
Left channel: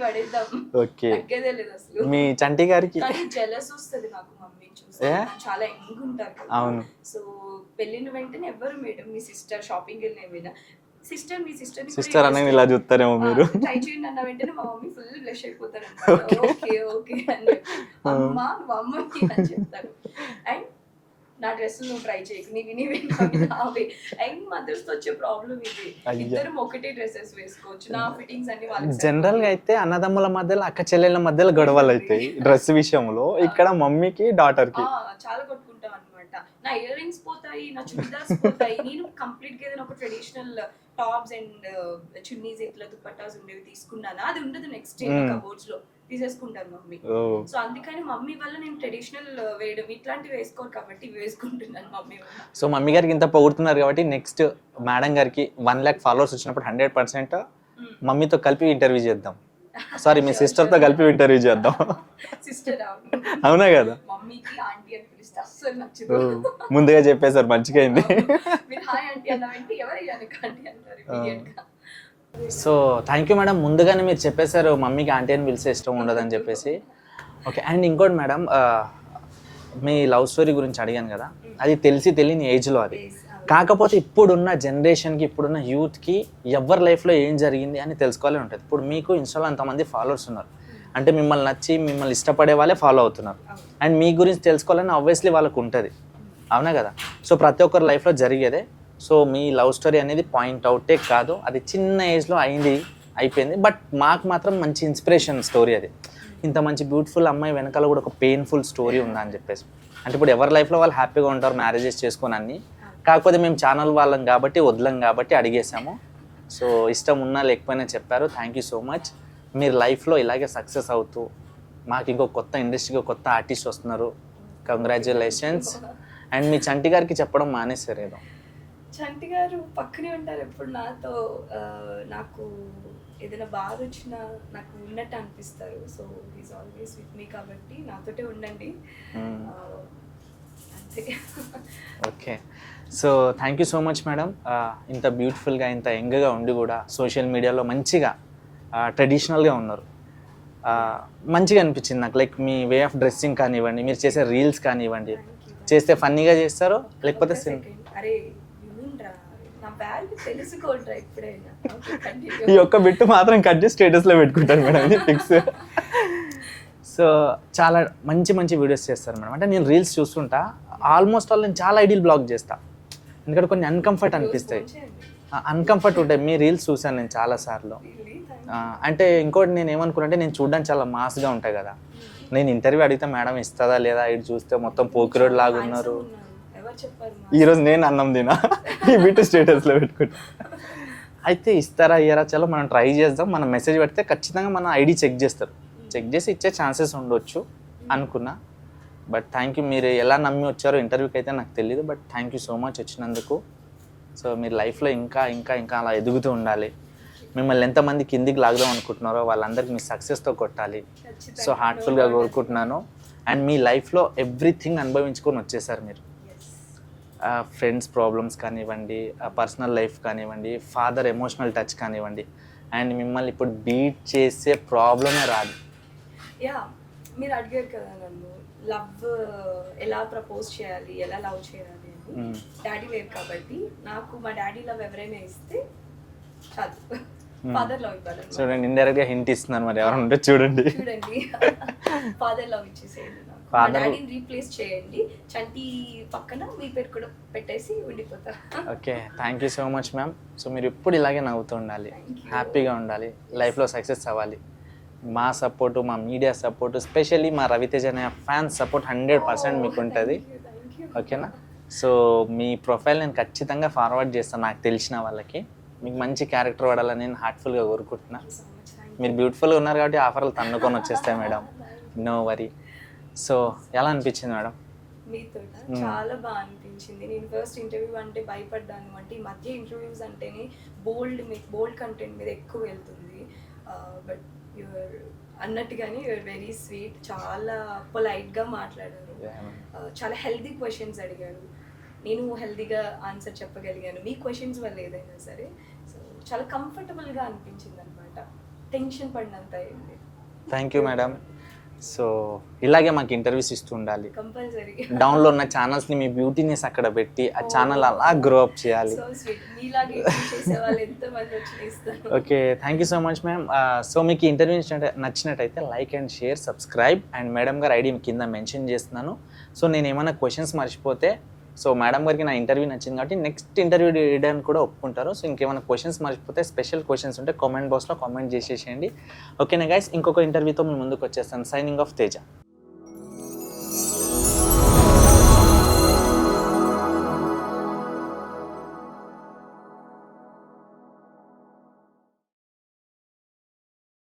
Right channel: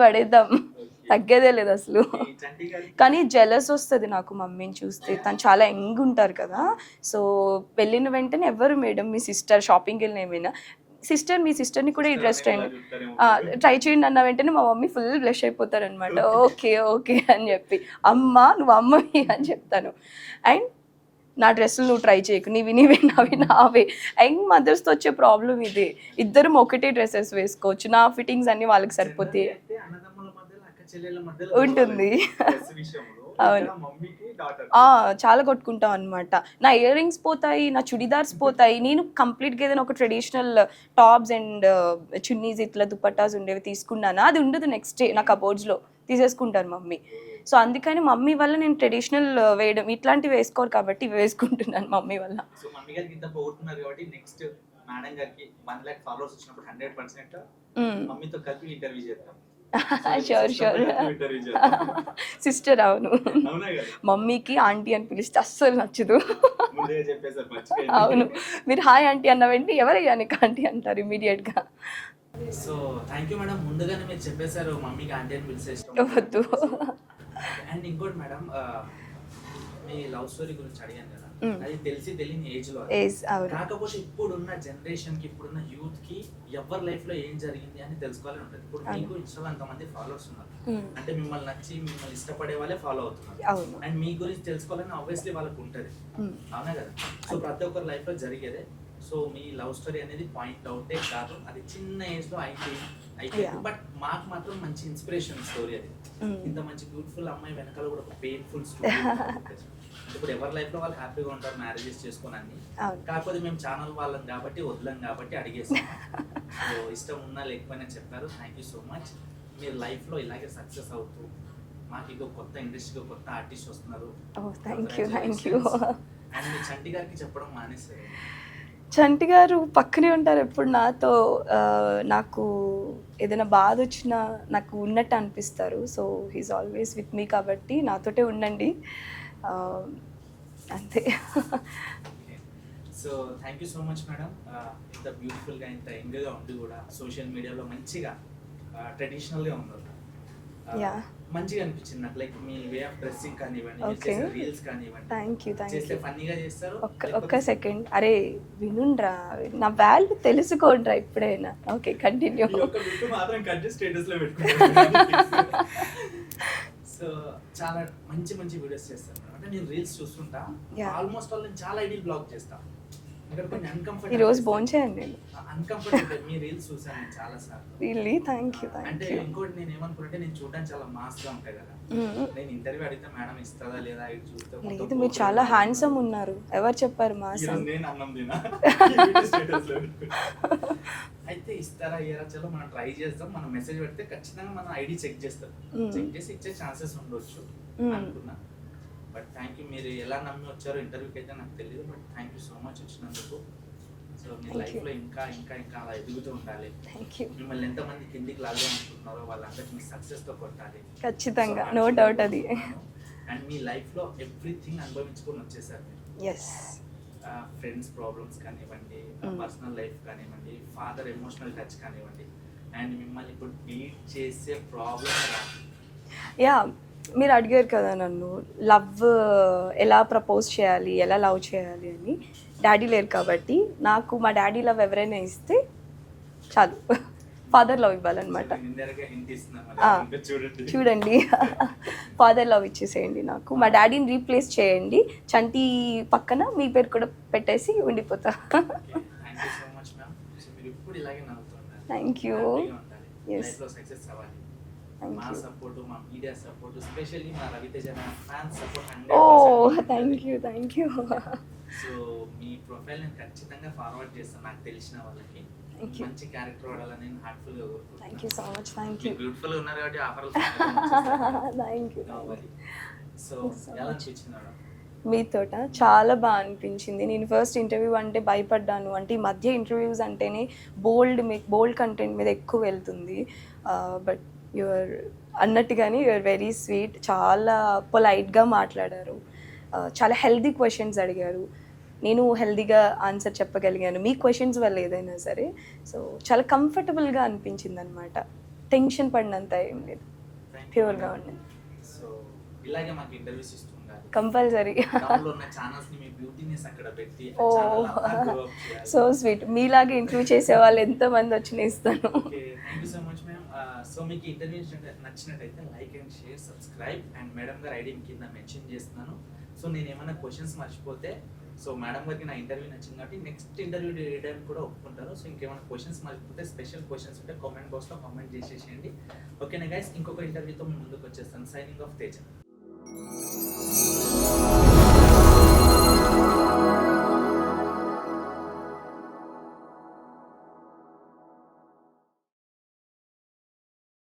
పడేద్దాం, తగ్గేదే లేదు అసలు. మీ చంటి గారికి కానీ జెలస్ వస్తుంది నాకు మమ్మీని చూస్తే, తను చాలా యంగ్ ఉంటారు కదా. సో వెళ్ళిన వెంటనే ఎవరు మేడం మీ సిస్టర్ షాపింగ్కి వెళ్ళిన ఏమైనా సిస్టర్, మీ సిస్టర్ని కూడా ట్రై చేయండి అన్న వెంటనే మా మమ్మీ ఫుల్ బ్లష్ అయిపోతారు అనమాట. ఓకే ఓకే అని చెప్పి, అమ్మ నువ్వు అమ్మవి అని చెప్తాను. అండ్ నా డ్రెస్సులు నువ్వు ట్రై చేయకు, నీవి నావే. యంగ్ మదర్స్ తో వచ్చే ప్రాబ్లం ఇదే, ఇద్దరం ఒకటే డ్రెస్సెస్ వేసుకోవచ్చు, నా ఫిట్టింగ్స్ అన్ని వాళ్ళకి. జనరల్ గా అయితే అన్నదమ్ముల మధ్యలో, అక్క చెల్లెళ్ళ మధ్యలో గొడవలు అయితే డ్రెస్ విషయంలో, ఇక్కడ మమ్మీకి డాటర్ చాలా కొట్టుకుంటాం అనమాట. నా ఇయర్ రింగ్స్ పోతాయి, నా చుడిదార్స్ పోతాయి. నేను కంప్లీట్ గా ఏదైనా ఒక ట్రెడిషనల్ టాప్స్ అండ్ చున్నీస్ ఇట్లా దుపట్టాస్ ఉండేవి తీసుకున్నానా, అది ఉండదు నెక్స్ట్ డే నా కబోర్డ్స్ లో, తీసేసుకుంటారు మమ్మీ. సో అందుకని మమ్మీ వల్ల నేను ట్రెడిషనల్ వేయడం ఇట్లాంటివి వేసుకోరు కాబట్టి ఇవి వేసుకుంటున్నాను మమ్మీ వల్ల. సో మమ్మీ గారికి ఇంత పొగుడుతున్నారు కాబట్టి నెక్స్ట్ మేడం గారికి 1 lakh ఫాలోవర్స్ వచ్చినప్పుడు 100% మమ్మీతో కలిపి ఇంటర్వ్యూ చేద్దాం. సారీ, మీ సిస్టర్ తో కలిపి ఇంటర్వ్యూ చేద్దాం. సిస్టర్ అవును, అవునా కదా. మమ్మీకి ఆంటీ అని పిలిస్తే అస్సలు నచ్చదు. ముందుగా చెప్పేసారు, మంచిగా అయింది. మీరు హాయ్ ఆంటీ అన్న వెంటనే ఎవరయ్యా నీకు ఆంటీ అంటారు ఇమీడియట్ గా. సో థ్యాంక్ యూ మేడం, ముందుగానే మీరు చెప్పేశారు మమ్మీకి ఆంటీ అని పిలిచే ఇష్టం ఉండదని చెప్పేసి. ఓకే, అండ్ ఇంకోటి మేడం, మీ లవ్ స్టోరీ గురించి అడిగాను కదా, అది తెలియని ఏజ్ లో అది. కాకపోతే ఇప్పుడున్న జనరేషన్ కి, ఇప్పుడున్న యూత్ కి ఎవరి లైఫ్ లో ఏం జరిగింది అని తెలుసుకోవాలని ఉంటుంది. ఇప్పుడు మీకు ఇన్స్టాలో అంతమంది ఫాలోవర్స్ ఉన్నారు, అంటే మిమ్మల్ని నచ్చి మిమ్మల్ని ఇష్టపడే వాళ్ళే ఫాలో అవుతున్నారు. అండ్ మీ గురించి తెలుసుకోవాలని ఆబ్వియస్లీ వాళ్ళకు ఉంటుంది, అవునా కదా. సో ప్రతి ఒక్కరి లైఫ్ లో జరిగేదే. సో మీ లవ్ స్టోరీ అనేది పాయింట్ అవుటే కాదు, అది చిన్న ఏజ్లో అయిపోయింది. బట్ మాకు మాత్రం మంచి ఇన్స్పిరేషన్ స్టోరీ అది. ఇంత మంచి బ్యూటిఫుల్ అమ్మాయి వెనకాల కూడా ఒక పెయిన్ఫుల్ స్టోరీ ఉందని చెప్పేసి. అంటే ఇప్పుడు ఎవరి లైఫ్లో వాళ్ళు హ్యాపీగా ఉంటారు మ్యారేజెస్ చేసుకొని అన్ని. కాకపోతే మేము ఛానల్ వాళ్ళం కాబట్టి, వదలం కాబట్టి అడిగేసాము. సో ఇష్టం ఉన్నా లేకపోయినా చెప్పారు. Thank you so much. మీరు లైఫ్లో ఇలాగే సక్సెస్ అవుతూ, మాకు ఇంకో కొత్త ఇండస్ట్రీకి కొత్త ఆర్టిస్ట్ వస్తున్నారు, కంగ్రాచులేషన్స్. అండ్ మీ చంటి గారికి చెప్పడం మానేశారు. చంటి గారు పక్కనే ఉంటారు ఎప్పుడు నాతో. నాకు ఏదైనా బాధ వచ్చినా నాకు ఉన్నట్టు అనిపిస్తారు. So he's always with me, కాబట్టి నాతోటే ఉండండి అంతే. Okay, so thank you so much madam. ఇంత బ్యూటిఫుల్గా, ఇంత యంగ్గా ఉండి కూడా సోషల్ మీడియాలో మంచిగా ట్రెడిషనల్గా ఉన్నారు. మంచిగా అనిపించింది నాకు. Like me way of dressing కానివ్వండి, మీరు చేసే రీల్స్ కానివ్వండి, చేస్తే ఫన్నీగా చేస్తారు. లేకపోతే సెకండ్ అరే వినుండ్రా, నా వాల్యూ తెలుసుకోండ్రా ఇప్పుడైనా. Okay continue. ఈ ఒక్క బిట్టు మాత్రం కట్ చేసి స్టేటస్ లో పెట్టుకుంటాను మేడం, ఫిక్స్. సో చాలా మంచి మంచి వీడియోస్ చేస్తారు మేడం. అంటే నేను రీల్స్ చూస్తుంటా, ఆల్మోస్ట్ ఆల్ నేను చాలా ఐడియల్ బ్లాగ్ చేస్తా, ఎందుకంటే కొన్ని అన్కంఫర్ట్ ఉంటాయి. మీ రీల్స్ చూసాను నేను చాలా సార్లు. అంటే ఇంకోటి నేను ఏమనుకున్నా, నేను చూడడానికి చాలా మాస్ గా ఉంటాయి కదా. నేను ఇంటర్వ్యూ అడిగితే మేడం ఇస్తుందా లేదా, ఇటు చూస్తే మొత్తం పోకిరోడ్ లాగా ఉన్నారు. ఎవరు చెప్పారు? ఈ రోజు నేను అన్నం తినా స్టేటస్ లో పెట్టుకుంటా. అయితే ఇస్తారా ఇయ్యారా, చలో మనం ట్రై చేద్దాం. మనం మెసేజ్ పెడితే ఖచ్చితంగా మన ఐడి చెక్ చేస్తారు, చెక్ చేసి ఇచ్చే ఛాన్సెస్ ఉండొచ్చు అనుకున్నా. బట్ థ్యాంక్ యూ, మీరు ఎలా నమ్మి వచ్చారో ఇంటర్వ్యూకి అయితే నాకు తెలియదు. But thank you so much వచ్చినందుకు. సో మీరు లైఫ్లో ఇంకా ఇంకా ఇంకా అలా ఎదుగుతూ ఉండాలి. మిమ్మల్ని ఎంతమంది కిందికి లాగదాం అనుకుంటున్నారో వాళ్ళందరికీ మీ సక్సెస్తో కొట్టాలి. సో హార్ట్ఫుల్గా కోరుకుంటున్నాను. అండ్ మీ లైఫ్లో ఎవ్రీథింగ్ అనుభవించుకొని వచ్చేసారు మీరు. ఫ్రెండ్స్ ప్రాబ్లమ్స్ కానివ్వండి, పర్సనల్ లైఫ్ కానివ్వండి, ఫాదర్ ఎమోషనల్ టచ్ కానివ్వండి, అండ్ మిమ్మల్ని ఇప్పుడు బీట్ చేసే ప్రాబ్లమే రాదు. మీరు అడిగారు కదా నన్ను, లవ్ ఎలా ప్రపోజ్ చేయాలి, ఎలా లవ్ చేయాలి అని. డాడీ లేరు కాబట్టి నాకు మా డాడీ లవ్ ఎవరైనా ఇస్తే చాలు, ఫాదర్ లవ్ ఇవ్వాలన్నమాట. ఇండైరెక్ట్ గా హింట్ ఇస్తున్నాను, మరి చూడండి ఫాదర్ లవ్ ఇచ్చేసేయండి నాకు. మా డాడీని రీప్లేస్ చేయండి, చంటి పక్కన మీ పేరు కూడా పెట్టేసి ఉండిపోతా. Okay, thank you so much ma'am. So మీరు ఎప్పుడు ఇలాగే నవ్వుతూ ఉండాలి, హ్యాపీగా ఉండాలి, లైఫ్ లో సక్సెస్ అవ్వాలి. మా సపోర్టు, మా మీడియా సపోర్టు, స్పెషల్లీ మా రవితేజ అనే ఫ్యాన్స్ సపోర్ట్ 100% మీకు ఉంటుంది. ఓకేనా? సో మీ ప్రొఫైల్ నేను ఖచ్చితంగా ఫార్వర్డ్ చేస్తాను నాకు తెలిసిన వాళ్ళకి. మీకు మంచి క్యారెక్టర్ వాడాలని నేను హార్ట్ఫుల్గా కోరుకుంటున్నా. మీరు బ్యూటిఫుల్గా ఉన్నారు కాబట్టి ఆఫర్లు తన్నుకొని వచ్చేస్తాయి మేడం, నో వరీ. సో ఎలా అనిపించింది మేడం మీతోట? చాలా బాగా అనిపించింది. నేను ఫస్ట్ ఇంటర్వ్యూ అంటే భయపడ్డాను. అంటే ఈ మధ్య ఇంటర్వ్యూస్ అంటేనే బోల్డ్ కంటెంట్ మీద ఎక్కువ వెళ్తుంది. బట్ యువర్ అన్నట్టుగానే యువర్ వెరీ స్వీట్, చాలా పొలైట్గా మాట్లాడారు, చాలా హెల్దీ క్వశ్చన్స్ అడిగారు, నేను హెల్దీగా ఆన్సర్ చెప్పగలిగాను మీ క్వశ్చన్స్ వల్ల ఏదైనా సరే. సో చాలా కంఫర్టబుల్గా అనిపించింది అనమాట, టెన్షన్ పడినంత ఏం లేదు. Thank you madam. సో ఇలాగే మాకు ఇంటర్వ్యూస్ ఇస్తూ ఉండాలి. కంపల్సరీ డౌన్లో ఉన్న ఛానల్స్ని మీ బ్యూటీనెస్ అక్కడ పెట్టి ఆ ఛానల్ అలా గ్రో అప్ చేయాలి. సో స్వీట్, మీలాగే ఇంప్రూవ్ చేసే వాళ్ళు ఎంతమంది వచ్చినా ఇస్తాను. Okay, thank you so much ma'am. So మీకు ఇంటర్వ్యూ నచ్చినట్టయితే like and share, subscribe, and madam గారు ఐడి కింద మెన్షన్ చేస్తున్నాను. సో నేను ఏమైనా క్వశ్చన్స్ మర్చిపోతే, సో మేడం గారికి నా ఇంటర్వ్యూ నచ్చింది కాబట్టి నెక్స్ట్ ఇంటర్వ్యూ చేయడానికి కూడా ఒప్పుకుంటారు. సో ఇంకేమైనా క్వశ్చన్స్ మర్చిపోతే, స్పెషల్ క్వశ్చన్స్ ఉంటే కామెంట్ బాక్స్లో కామెంట్ చేసేసేయండి. ఓకేనా గైస్, ఇంకొక ఇంటర్వ్యూతో మీ ముందుకు వచ్చేస్తాను. Signing off, Teja.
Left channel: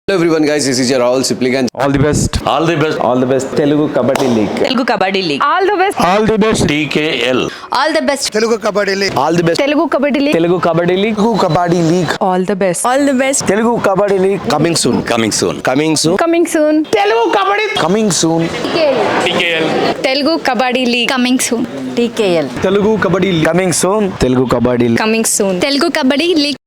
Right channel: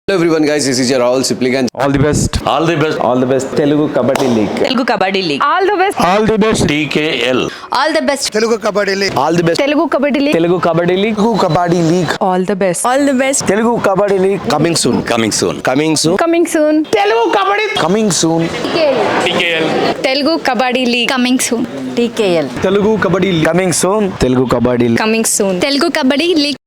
Hello everyone guys, this is your Rahul Sipligan. All the best, all the best, all the best. Telugu kabaddi league, Telugu kabaddi league, all the best, all the best TKL, all the best, Telugu kabaddi league, All the best. Telugu kabaddi league, Telugu kabaddi league, Telugu kabaddi league, all the best, all the best, Telugu kabaddi league coming soon, coming soon, coming soon, coming soon, Telugu kabaddi coming soon, TKL, Telugu kabaddi league, coming soon, TKL, Telugu kabaddi coming soon, Telugu kabaddi coming soon, Telugu kabaddi league.